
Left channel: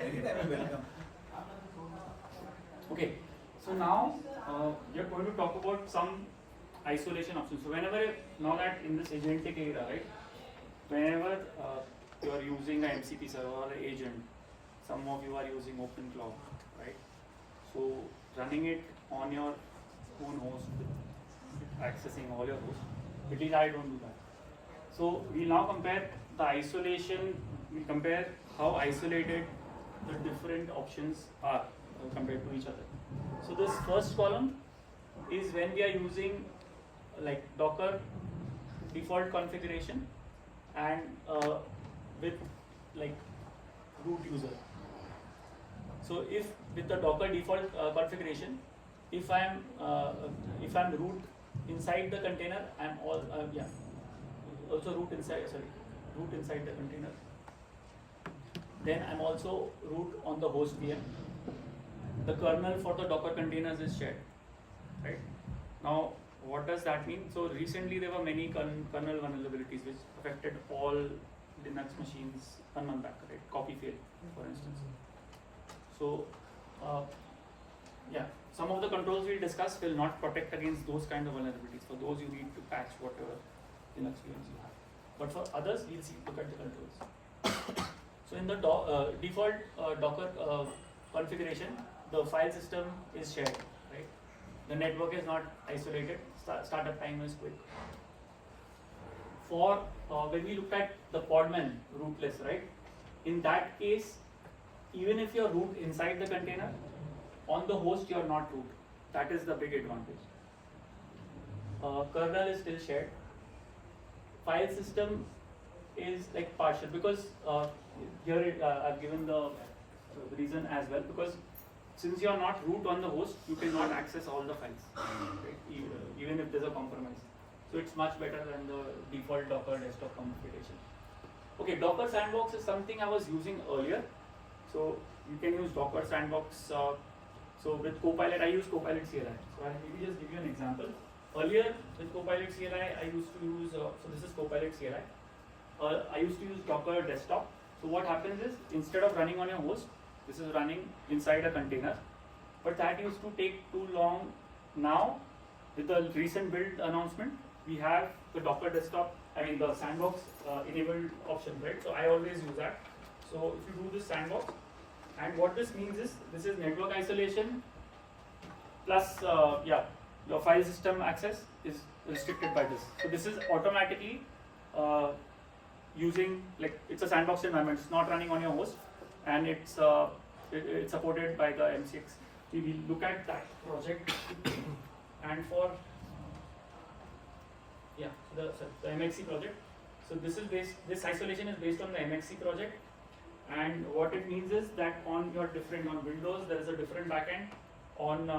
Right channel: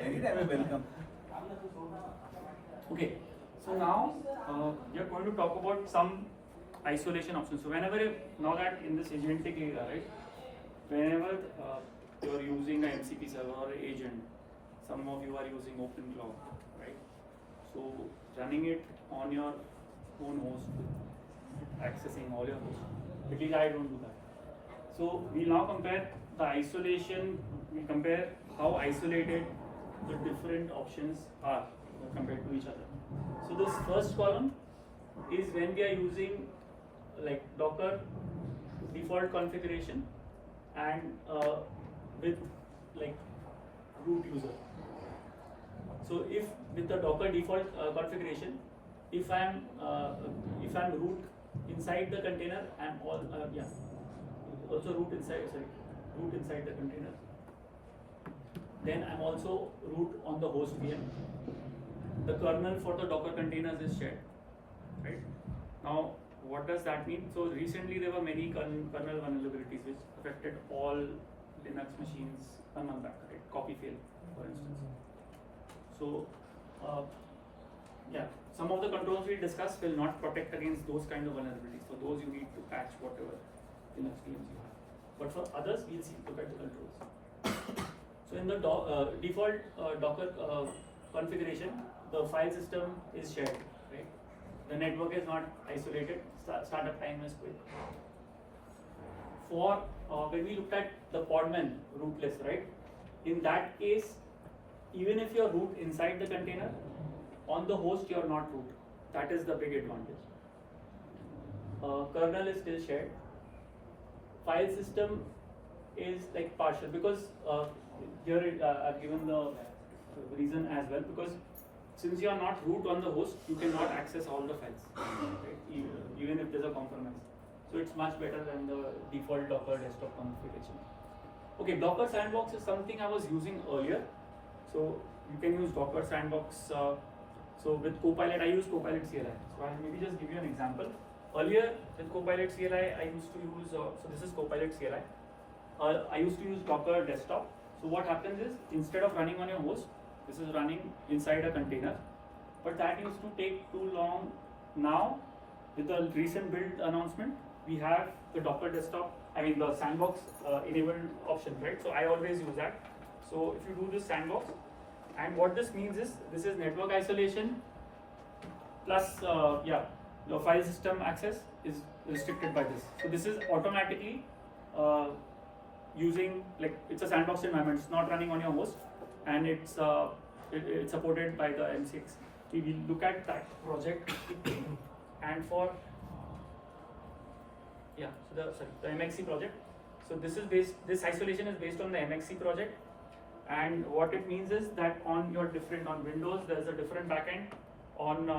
Anytime you welcome. Okay, so now we are going to talk about some isolation options. So whenever now that in this agentic era, right, whenever you are using a MCP server or an agent, some of you are using OpenCloud, right? So running it on your own host, accessing all your hosts, at least I don't do that. So we now compare the isolation, we compare how isolated the different options are compared to each other. So this first column is when we are using like Docker default configuration and with like root user. So if with the Docker default configuration, if I'm root inside the container, I'm also root inside the container. Then I'm also root on the host VM. The kernel for the Docker containers is shared. Right? Now, what does that mean? So recently there were many kernel vulnerabilities which affected all Linux machines 1 month back, right? Copy fail, for instance. So, some of the controls we'll discuss will not protect against those kind of vulnerabilities. For those, you need to patch whatever Linux VMs you have. But for others, we'll look at the controls. So in the default Docker configuration, the file system is shared, right? The network is not isolated. Startup time is quick. For when we looked at the podman rootless, right? In that case, even if you're root inside the container, on the host you're not root. That is the big advantage. Kernel is still shared. File system is like partial because here I've given the reason as well, because since you are not root on the host, you cannot access all the files, right? Even if there's a compromise. So it's much better than the default Docker desktop configuration. Okay, Docker Sandbox is something I was using earlier. So you can use Docker Sandbox. So with Copilot, I use Copilot CLI. So I'll maybe just give you an example. Earlier with Copilot CLI, I used to use, so this is Copilot CLI. I used to use Docker desktop. So what happens is, instead of running on your host, this is running inside a container. But that used to take too long. Now, with the recent build announcement, we have the Docker desktop, the Sandbox enabled option, right? So I always use that. So if you do this Sandbox, and what this means is, this is network isolation plus, your file system access is restricted by this. So this is automatically using, like, it's a sandbox environment. It's not running on your host, and it's supported by the MCX. So we look at that project, and for the MXC project. So this isolation is based on the MXC project, and what it means is that on Windows there is a different backend. On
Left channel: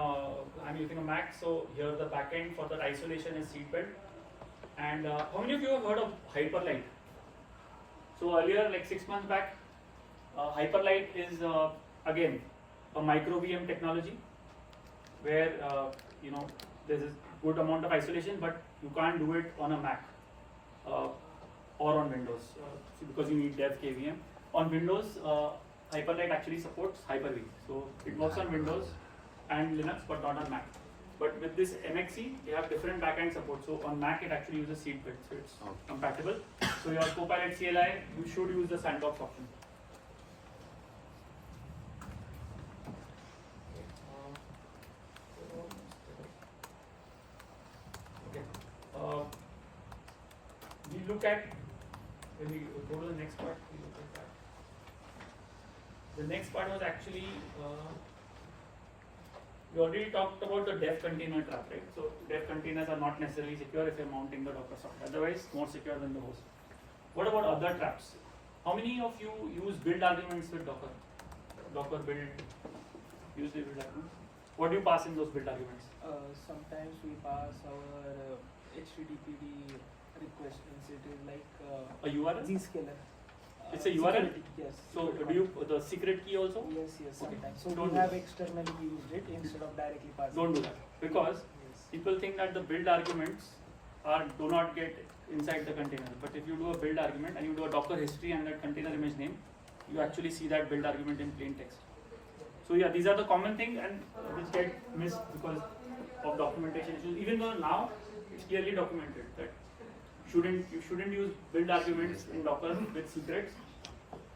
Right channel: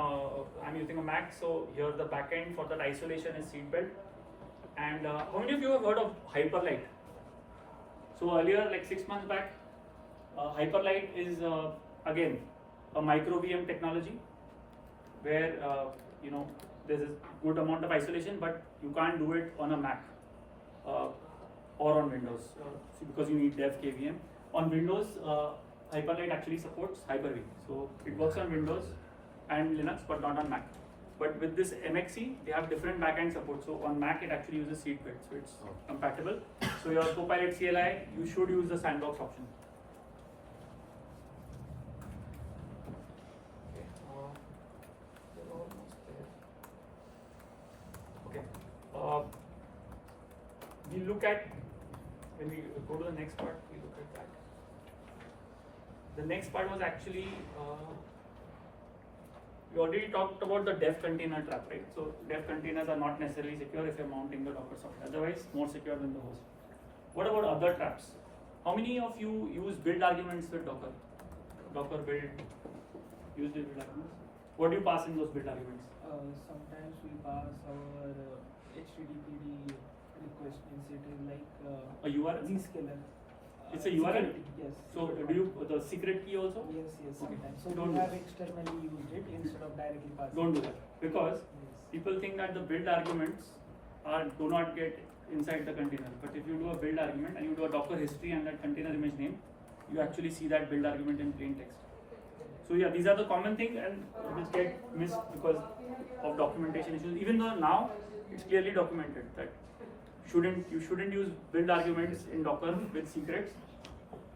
I'm using a Mac, so here the backend for that isolation is seed built. And how many of you have heard of Hyperlight? So earlier, like 6 months back, Hyperlight is again a micro VM technology where there's a good amount of isolation, but you can't do it on a Mac or on Windows because you need dev KVM. On Windows, Hyperlight actually supports Hyper-V, so it works on Windows and Linux, but not on Mac. But with this MXC, they have different backend support. So on Mac, it actually uses seed build, so it's compatible. So your Copilot CLI, you should use the Sandbox option. We look at, when we go to the next part, we look at that. The next part was actually, we already talked about the dev container trap, right? So dev containers are not necessarily secure if you're mounting the Docker software. Otherwise, more secure than the host. What about other traps? How many of you use build arguments with Docker? Docker build, use the build arguments? What do you pass in those build arguments? Sometimes we pass our HTTPD request instead like A URL? Zscaler. It's a URL? Yes. So do you, the secret key also? Yes, Okay. sometimes. So Don't we do have that. externally used it instead of directly passing. Don't do that, because Yes. people think that the build arguments do not get inside the container. But if you do a build argument and you do a Docker history and that container image name, you actually see that build argument in plain text. So yeah, these are the common things and which get missed because of documentation issues. Even though now it's clearly documented that you shouldn't use build arguments in Docker with secrets.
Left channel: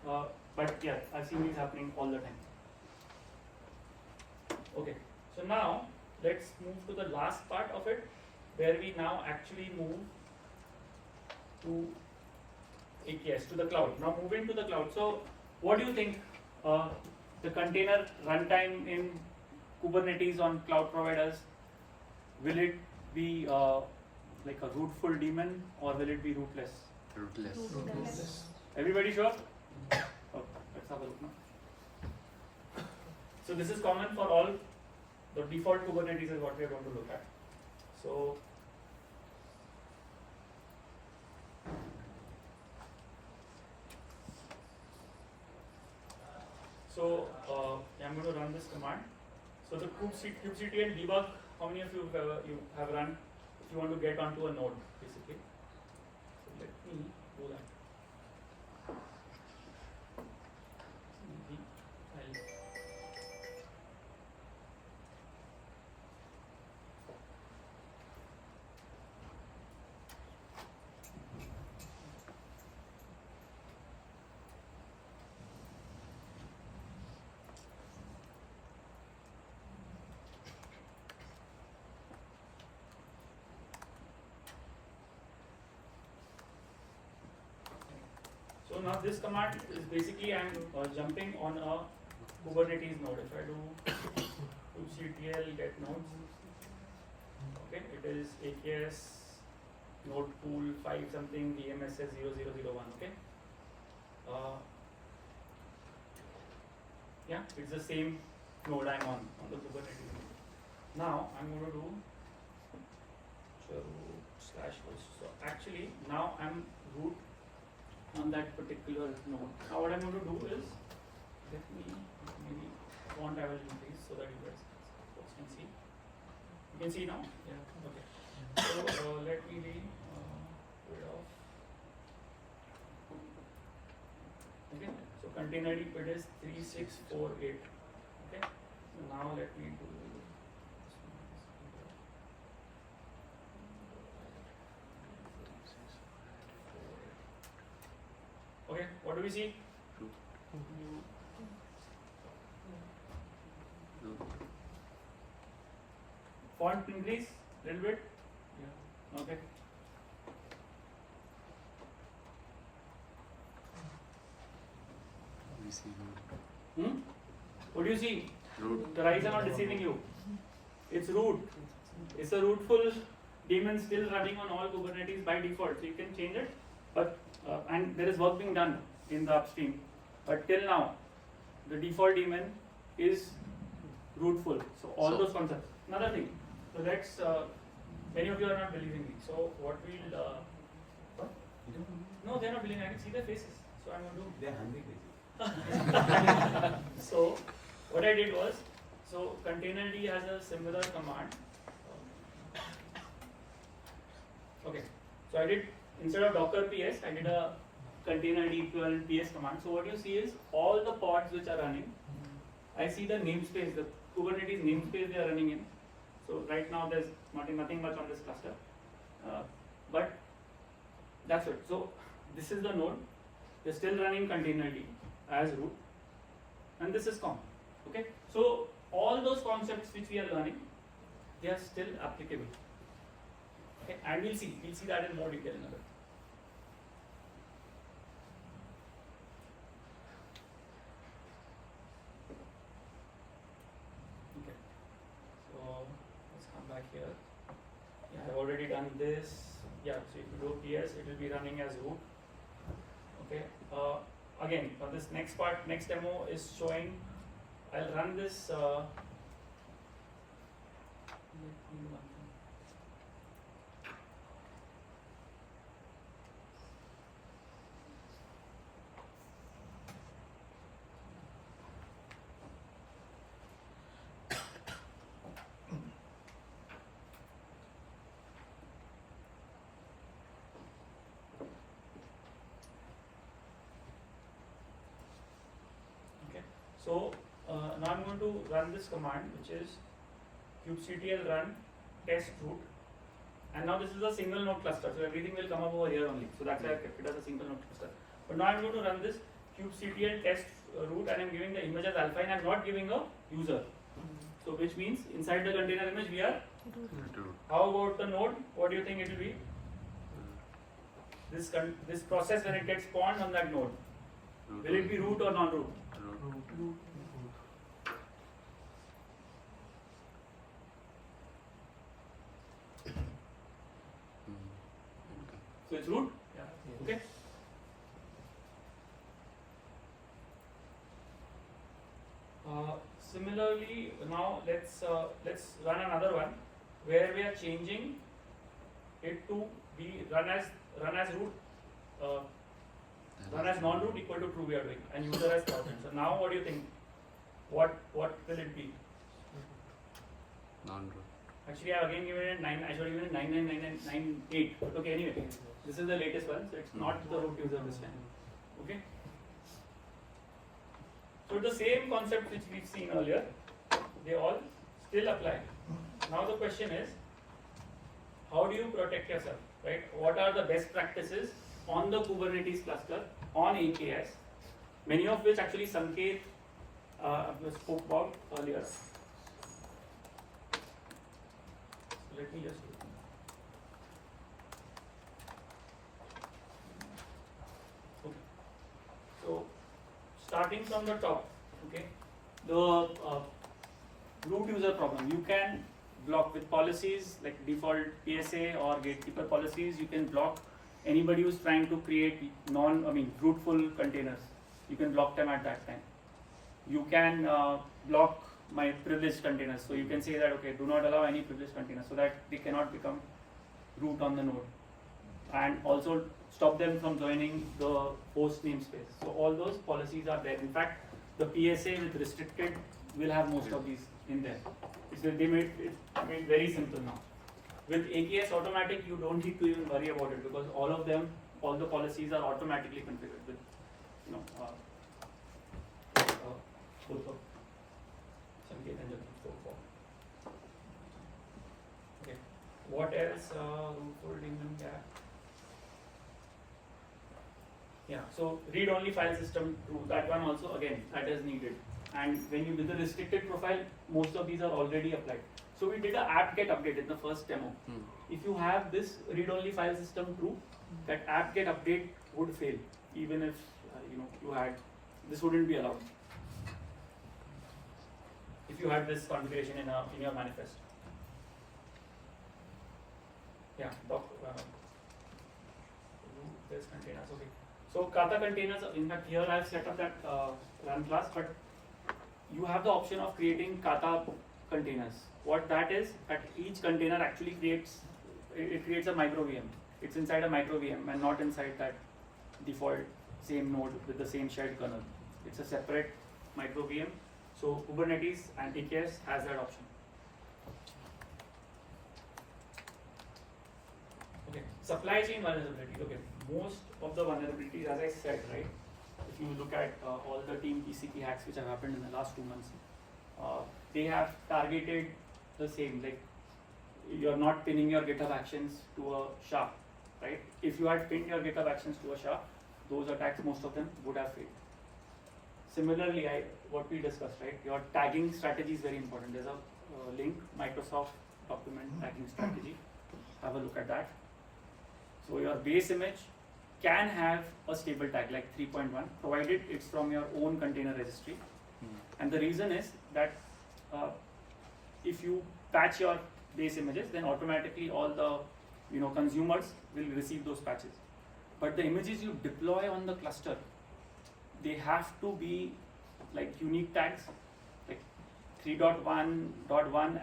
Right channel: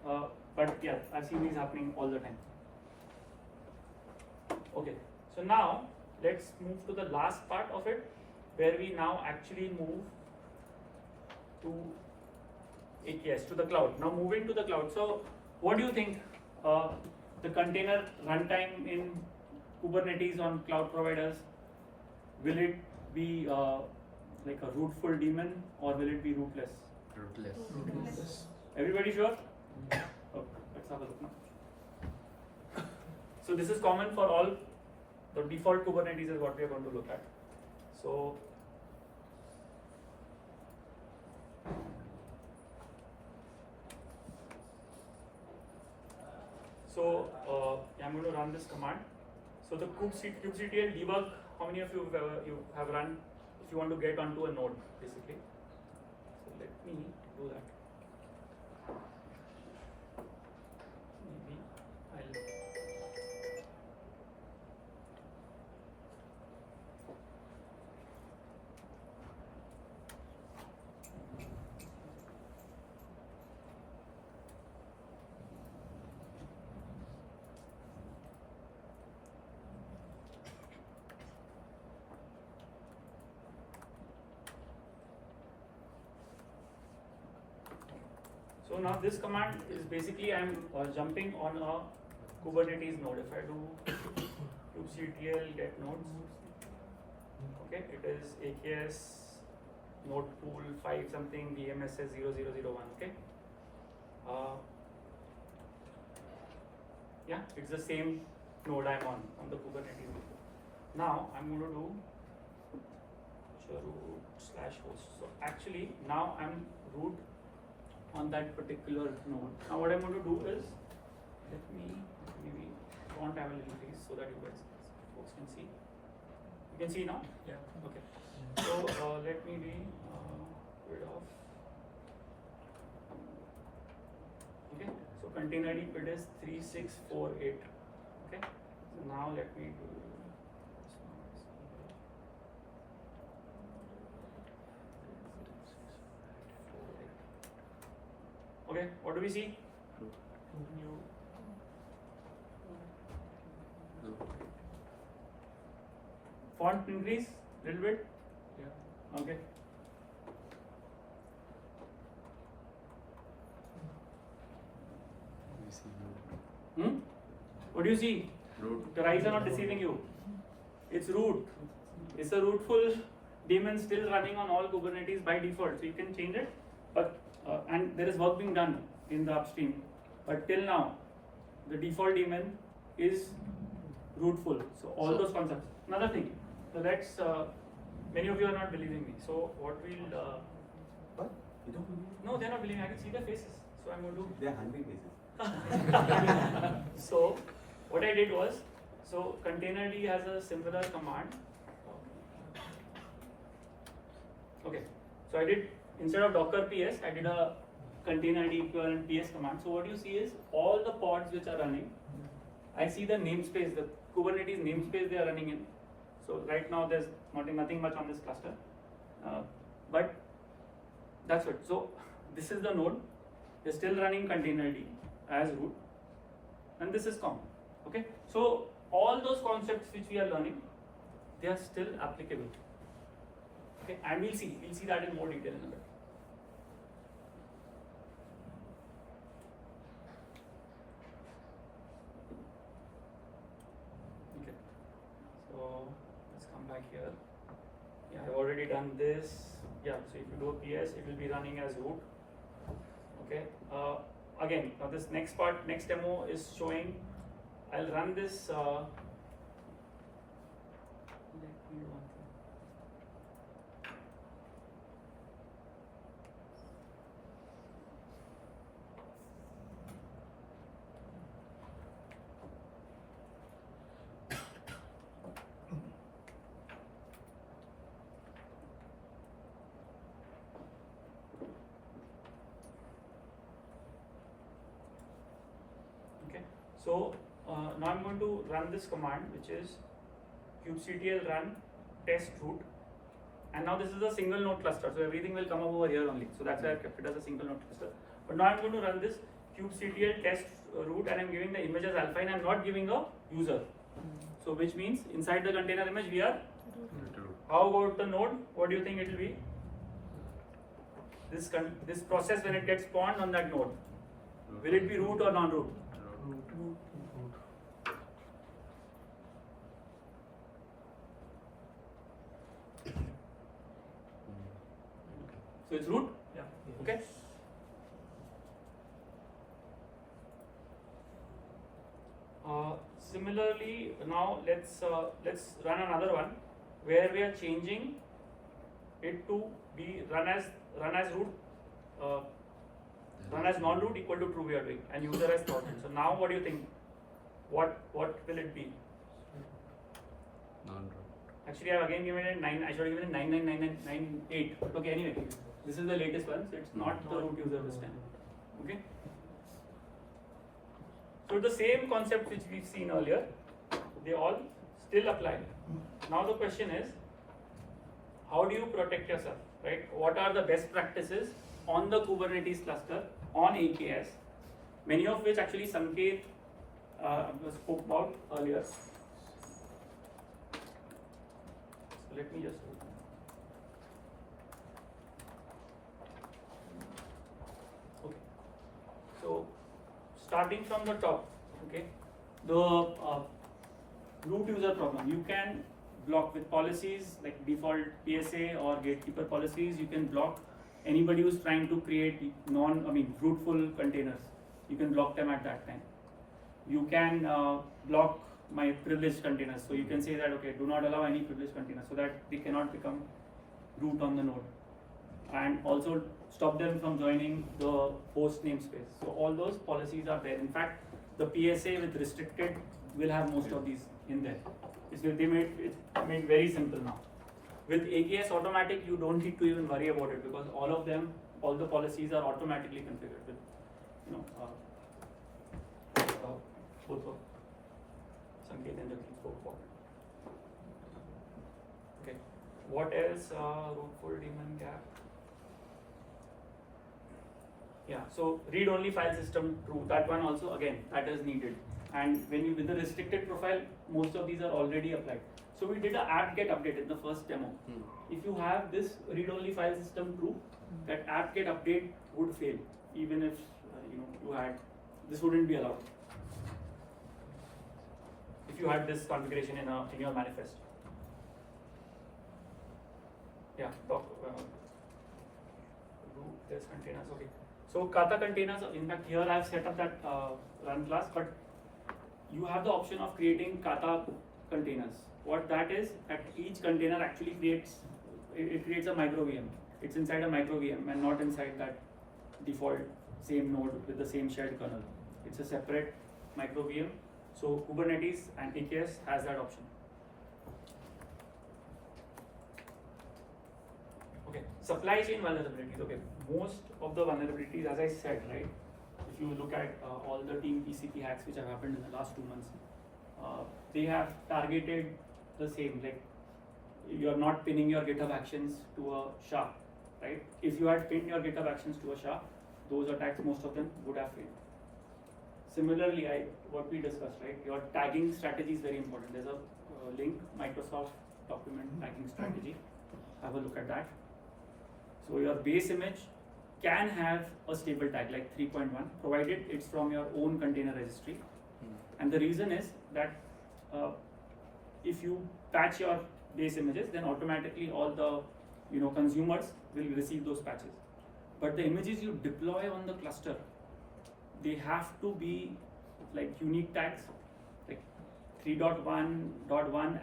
But yeah, I've seen these happening all the time. Okay, so now let's move to the last part of it, where we now actually move to AKS, to the cloud. Now moving to the cloud. So what do you think the container runtime in Kubernetes on cloud providers, will it be like a rootful daemon or will it be rootless? Rootless. Everybody sure? Oh, let's have a look now. So this is common for all. The default Kubernetes is what we are going to look at. So I'm going to run this command. So the kubectl debug, how many of you have run if you want to get onto a node, basically? So let me do that. Maybe I'll So now this command is basically I'm jumping on a Kubernetes node. If I do kubectl get nodes, okay, it is AKS node pool 5 something VMSS 0001. Okay, yeah, it's the same node I'm on the Kubernetes. Now I'm going to do chroot /host. So actually now I'm root on that particular node. Now what I'm going to do is, let me maybe font I will increase so that you guys folks can see. You can see now? Yeah. Okay. So let me be rid of. Okay. So container ID it is 3648. Okay. So now let me do. Okay, what do we see? Font increase little bit. Yeah. Okay. We see root. What do you see? Root. The eyes are not deceiving you. It's root. It's a rootful daemon still running on all Kubernetes by default. So you can change it, but and there is work being done in the upstream. But till now, the default daemon is rootful. So all those concepts. Another thing. So let's. Many of you are not believing me. So what we'll. What? You don't believe? No, they're not believing. I can see their faces. So I'm going to do. They're hungry faces. So what I did was, so containerd has a similar command. Okay, so I did, instead of docker ps, I did a containerd equivalent ps command. So what you see is all the pods which are running, I see the namespace, the Kubernetes namespace they are running in. So right now there's nothing much on this cluster, but that's it. So this is the node. They're still running containerd as root, and this is common. Okay, so all those concepts which we are learning, they are still applicable. Okay, and we'll see that in more detail in a bit. Okay, so let's come back here. Yeah, I've already done this. Yeah, so if you do a PS, it will be running as root. Okay, again, this next demo is showing. I'll run this. Let me do one thing. Okay, so now I'm going to run this command, which is kubectl run test root, and now this is a single node cluster, so everything will come up over here only. So that's why I kept it as a single node cluster. But now I'm going to run this kubectl test root, and I'm giving the image as alpha, and I'm not giving a user. So which means inside the container image we are. Root. How about the node? What do you think it will be? This process when it gets spawned on that node, will it be root or non-root? Root. So it's root. Yeah. Okay. Similarly, now let's run another one where we are changing it to be run as root, run as non-root equal to true we are doing, and user as constant. So now what do you think? What will it be? Non-root. Actually, I have again given it 9. I should have given it 999998. But okay, anyway, this is the latest one, so it's not the root user this time. Okay. So the same concept which we've seen earlier, they all still apply. Now the question is, how do you protect yourself, right? What are the best practices on the Kubernetes cluster on AKS? Many of which actually Sanket spoke about earlier. So let me just. Okay. So starting from the top, okay, the root user problem. You can block with policies like default PSA or gatekeeper policies. You can block anybody who's trying to create rootful containers. You can block them at that time. You can block my privileged containers. So you can say that, okay, do not allow any privileged containers so that they cannot become root on the node, and also stop them from joining the host namespace. So all those policies are there. In fact, the PSA with restricted will have most of these in there. It's made very simple now. With AKS automatic, you don't need to even worry about it because all of them, all the policies are automatically configured with, both of Sanket and Jagdeep spoke for. Okay. What else? Rootful daemon gap. Yeah. So read-only file system true. That one also again that is needed. And when you with the restricted profile, most of these are already applied. So we did a app get update in the first demo. If you have this read-only file system true, that app get update would fail, even if you had this wouldn't be allowed. If you had this configuration in your manifest. Yeah, there's containers. Okay. So Kata containers. In fact, here I've set up that run class, but you have the option of creating Kata containers. What that is, that each container actually creates a micro VM. It's inside a micro VM and not inside that default same node with the same shared kernel. It's a separate micro VM. So Kubernetes and AKS has that option. Okay, supply chain vulnerability. Okay, most of the vulnerabilities, as I said, right? If you look at all the team TCP hacks which have happened in the last 2 months, they have targeted the same. Like you're not pinning your GitHub actions to a SHA, right? If you had pinned your GitHub actions to a SHA, those attacks, most of them would have failed. Similarly, what we discussed, right? Your tagging strategy is very important. There's a link, Microsoft document tagging strategy. Have a look at that. So your base image can have a stable tag like 3.1, provided it's from your own container registry. And the reason is that if you patch your base images, then automatically all the consumers will receive those patches. But the images you deploy on the cluster, they have to be like unique tags, like 3.1.1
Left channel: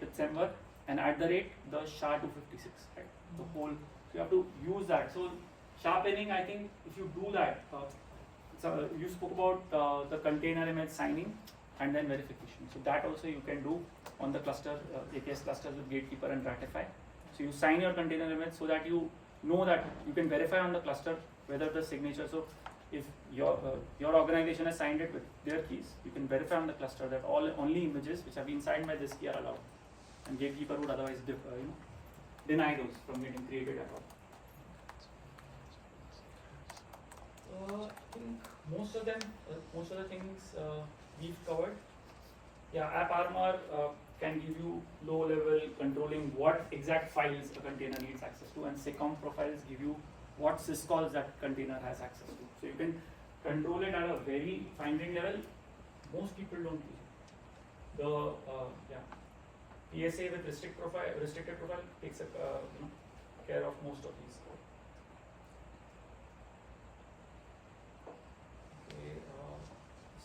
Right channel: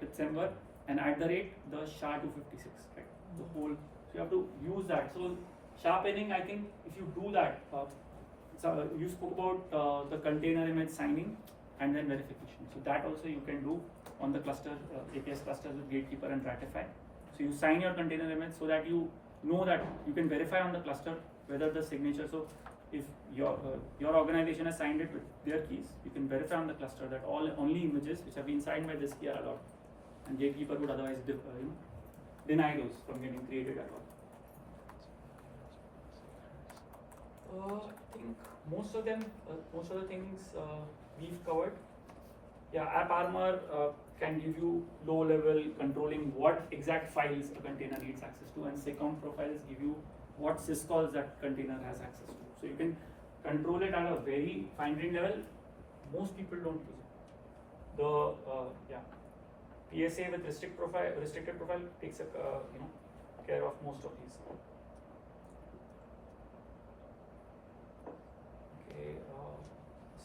@December and @ the SHA-256, right? The whole, so you have to use that. So sharpening, I think if you do that, so you spoke about the container image signing and then verification. So that also you can do on the cluster, AKS clusters with Gatekeeper and Ratify. So you sign your container image so that you know that you can verify on the cluster whether the signature. So if your organization has signed it with their keys, you can verify on the cluster that only images which have been signed by this key are allowed, and Gatekeeper would otherwise deny those from getting created at all. I think most of the things we've covered. Yeah, AppArmor can give you low-level controlling what exact files a container needs access to, and SecComp profiles give you what syscalls that container has access to. So you can control it at a very fine-grained level. Most people don't use it. The PSA with restricted profile takes care of most of these. Okay,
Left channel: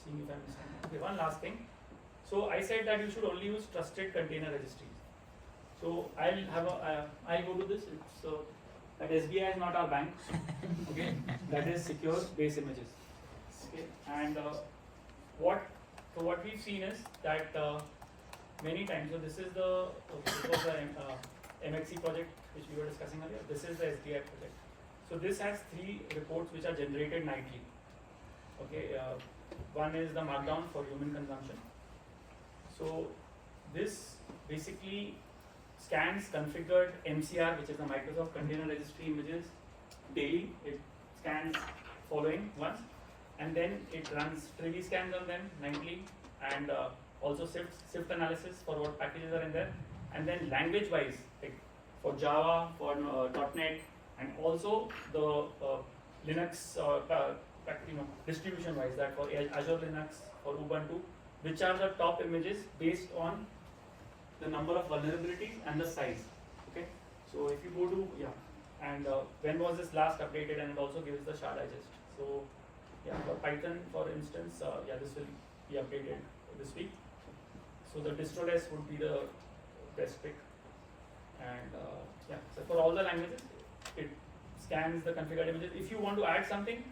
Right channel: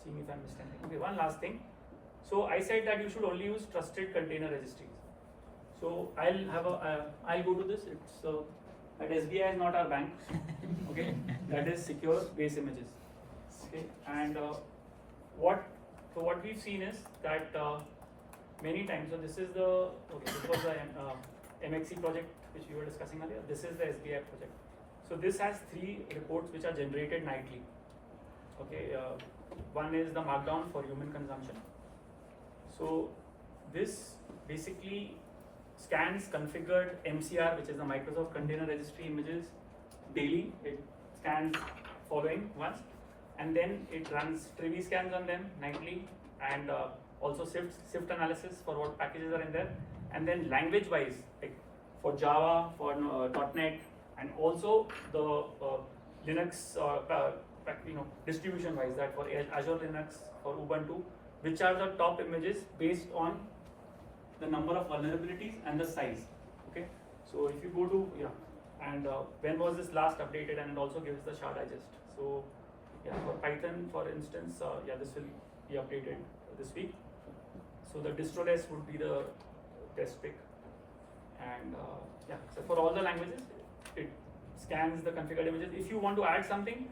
seeing if I'm missing. Okay, one last thing. So I said that you should only use trusted container registries. So I'll go to this. It's that SBI is not our bank. Okay, that is secure base images. Okay, and what we've seen is that many times. So this was the MXC project which we were discussing earlier. This is the SBI project. So this has 3 reports which are generated nightly. Okay, one is the Markdown for human consumption. So this basically scans configured MCR, which is the Microsoft Container Registry images daily. It scans following once, and then it runs trivia scans on them nightly, and also sift analysis for what packages are in there, and then language-wise, like for Java, for .NET, and also the Linux distribution-wise, that for Azure Linux, for Ubuntu, which are the top images based on the number of vulnerabilities and the size. Okay, so if you go to and when was this last updated, and it also gives the SHA digest. So for Python, for instance, this will be updated this week. So the Distroless would be the best pick, and yeah, so for all the languages, it scans the configured images. If you want to add something,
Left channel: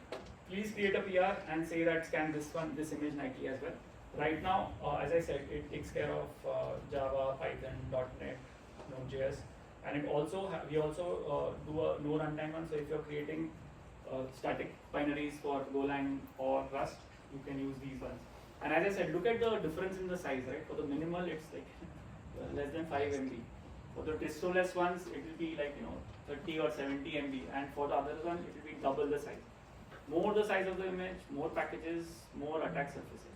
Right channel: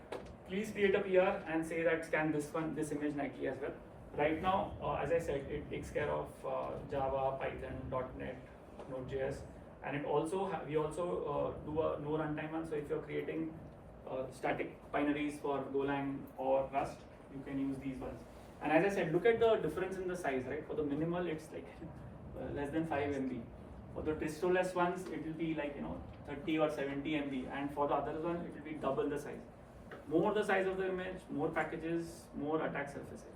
please create a PR and say that scan this image nightly as well. Right now, as I said, it takes care of Java, Python, .NET, Node.js, and it also we also do a no runtime one. So if you're creating static binaries for Golang or Rust, you can use these ones. And as I said, look at the difference in the size, right? For the minimal, it's like less than 5 MB. For the Distroless ones, it will be like 30 or 70 MB, and for the other one, it will be double the size. More the size of the image, more packages, more attack surfaces.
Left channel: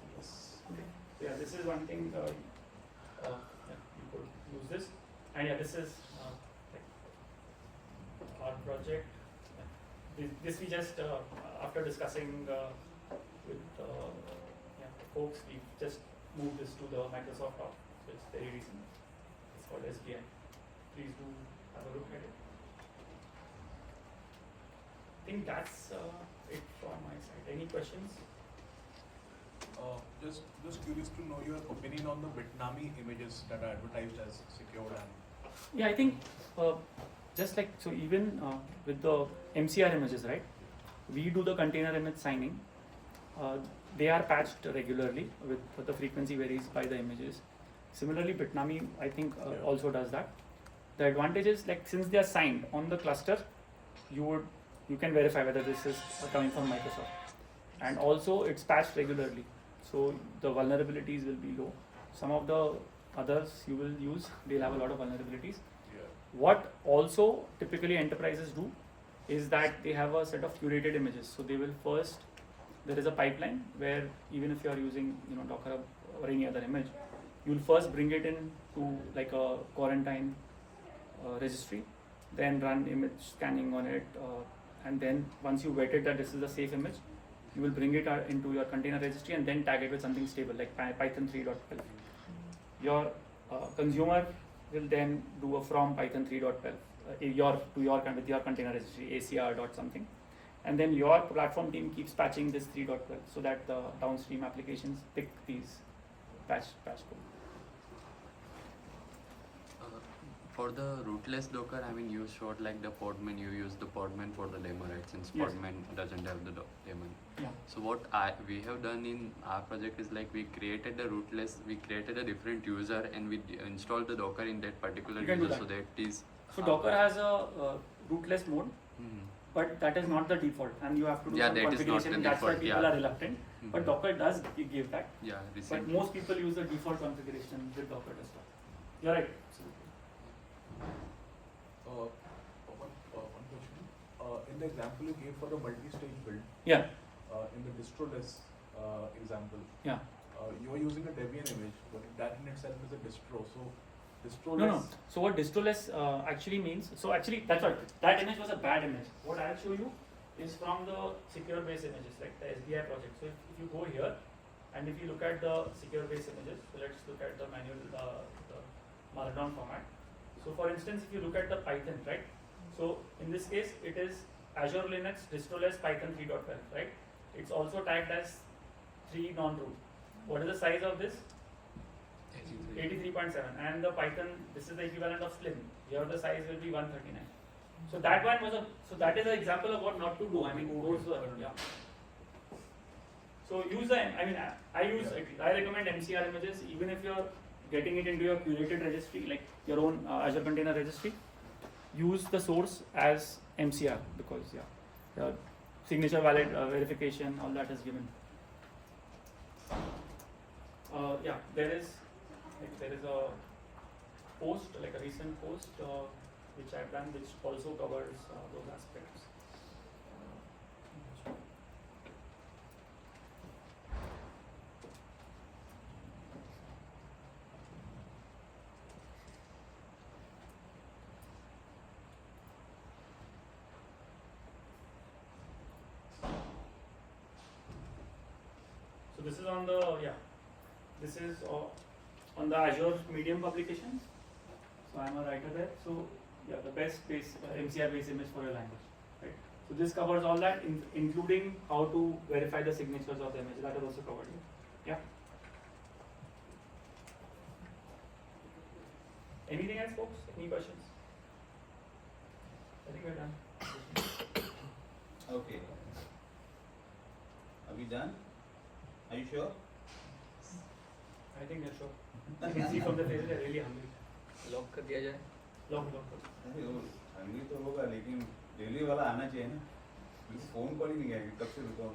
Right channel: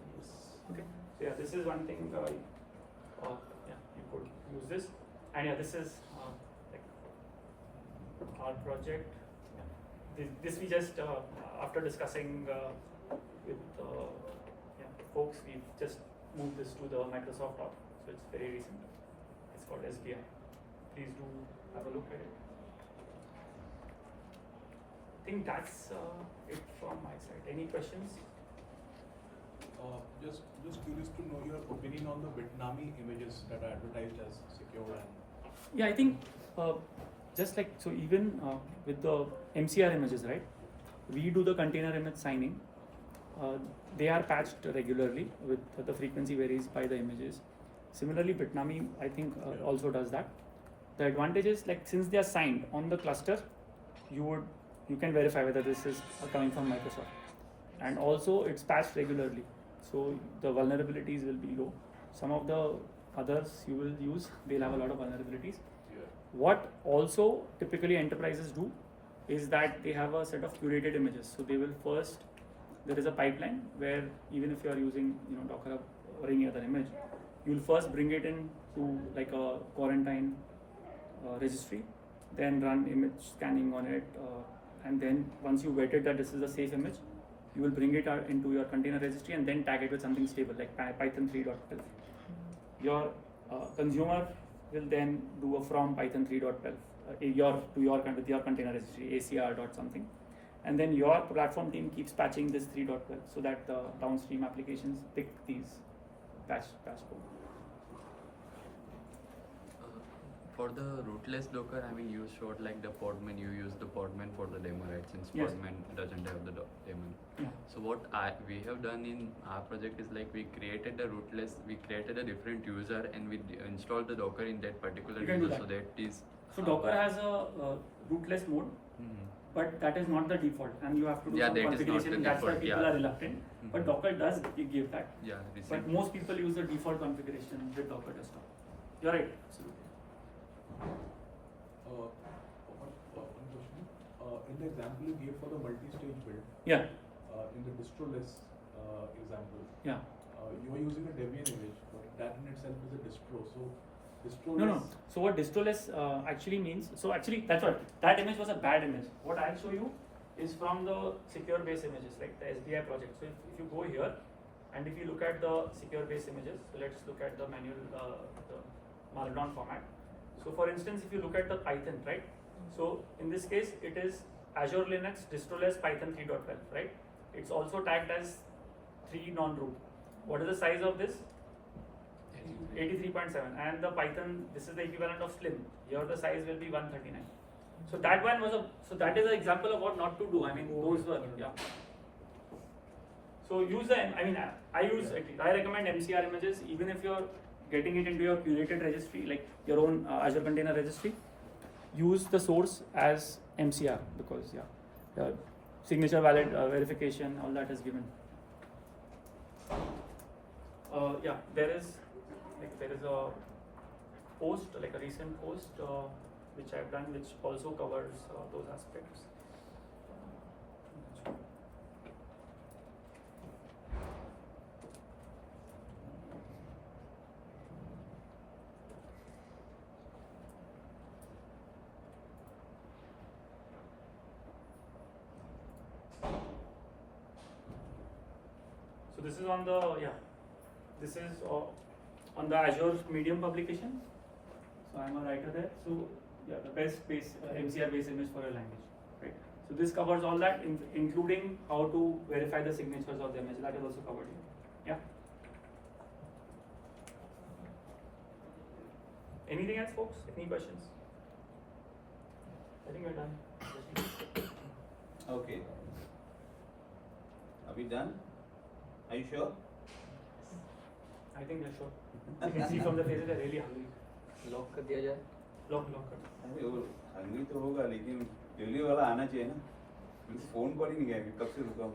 Okay. So yeah, this is one thing. Yeah, you could use this, and yeah, this is like our project. Yeah. This we just after discussing with the folks, we just moved this to the Microsoft Hub, so it's very recent. It's called SBI. Please do have a look at it. I think that's it from my side. Any questions? Just curious to know your opinion on the Vietnamese images that are advertised as secure and. Yeah, I think just like so, even with the MCR images, right? We do the container image signing. They are patched regularly with the frequency varies by the images. Similarly, Bitnami I think also does that. The advantage is like since they are signed on the cluster, you can verify whether this is coming from Microsoft, and also it's patched regularly, so the vulnerabilities will be low. Some of the others you will use, they'll have a lot of vulnerabilities. What also typically enterprises do is that they have a set of curated images. So they will first, there is a pipeline where even if you are using Docker or any other image, you'll first bring it in to like a quarantine registry, then run image scanning on it, and then once you vetted that this is a safe image, you will bring it into your container registry and then tag it with something stable like Python 3.12. Your consumer will then do a from Python 3.12 with your container registry ACR dot something, and then your platform team keeps patching this 3.12 so that the downstream applications pick these patch code. For the rootless Docker, I mean, you showed like the podman, you use the podman for the daemon, right? Since Yes. podman doesn't have the daemon. Yeah. So what we have done in our project is like we created the rootless, we created a different user and we installed the Docker in that particular You can do user that. so that is. So Docker has a rootless mode, but that is not the default, and you have to do Yeah, some that is not the configuration. That's why default, people yeah. are reluctant. But Docker does give that. Yeah, But recent. most people use the default configuration with Docker desktop. You're right. Absolutely. One question. In the example you gave for the multi-stage build, Yeah. in the Distroless example, Yeah. you are using a Debian image, but that in itself is a distro. So Distroless. No. So what Distroless actually means? So actually, that's what that image was a bad image. What I'll show you is from the secure base images, like the SBI project. So if you go here, and if you look at the secure base images, so let's look at the manual, the Markdown format. So for instance, if you look at the Python, right? So in this case, it is Azure Linux Distroless Python 3.12, right? It's also tagged as 3 non-root. What is the size of this? 83.7, and the Python, this is the equivalent of Slim. Here the size will be 139. So that one was that is an example of what not to do. I mean, those were, yeah. So use I recommend MCR images, even if you're getting it into your curated registry, like your own Azure Container Registry, use the source as MCR because signature valid verification, all that is given. There is a post, like a recent post which I've done, which also covers those aspects. So this is on the Azure Medium publication. So I'm a writer there. So yeah, the best base MCR based image for your language, right? So this covers all that, including how to verify the signatures of the image. That is also covered here. Yeah. Anything else, folks? Any questions? think we're done. Okay. Are we done? Are you sure? I think we're sure. You can see from the faces they're really hungry. Lock कर दिया जाए. Lock. अरे वो Hungary तो होगा लेकिन delivery वाला आना चाहिए ना. फोन कॉल ही नहीं गया कब से रुका हूँ.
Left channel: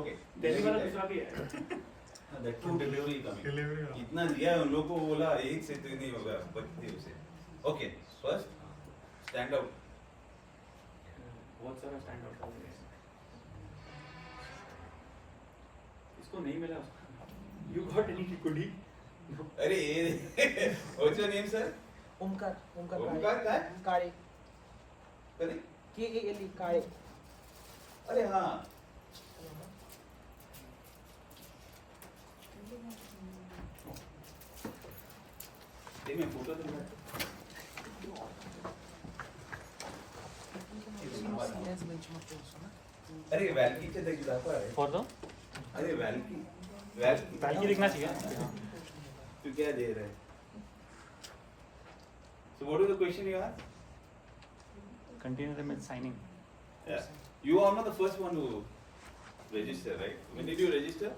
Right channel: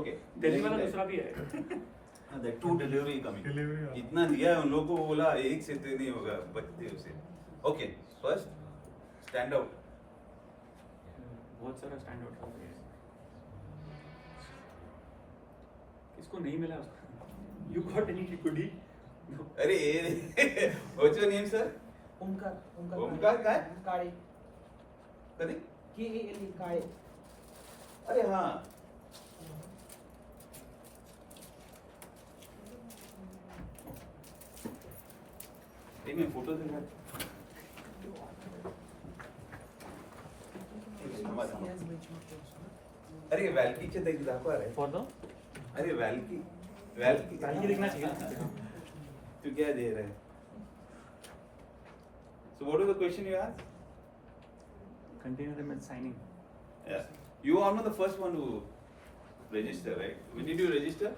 Okay. दिल्ली वाला दूसरा भी है. That too delivery coming. Delivery. इतना दिया है उन लोगों को बोला एक से तो नहीं होगा बत्ती उसे. Okay. First stand out. बहुत सारा स्टैंड आउट कर रहे हैं. इसको नहीं मिला उसको. You got any goodie? No. अरे what's your name sir? Omkar Omkar काय? काळे कधी? KALE काळे. अरे हाँ. एक मिनट फोटो दे मैं. अरे वैल्कीचे देखी दाखवा रे. For the अरे वैल्की दिखना चाहिए. तू क्या दे रहा है? So what was the question you asked? Container image signing. Yeah. You are not the first one to register, right? When did you register?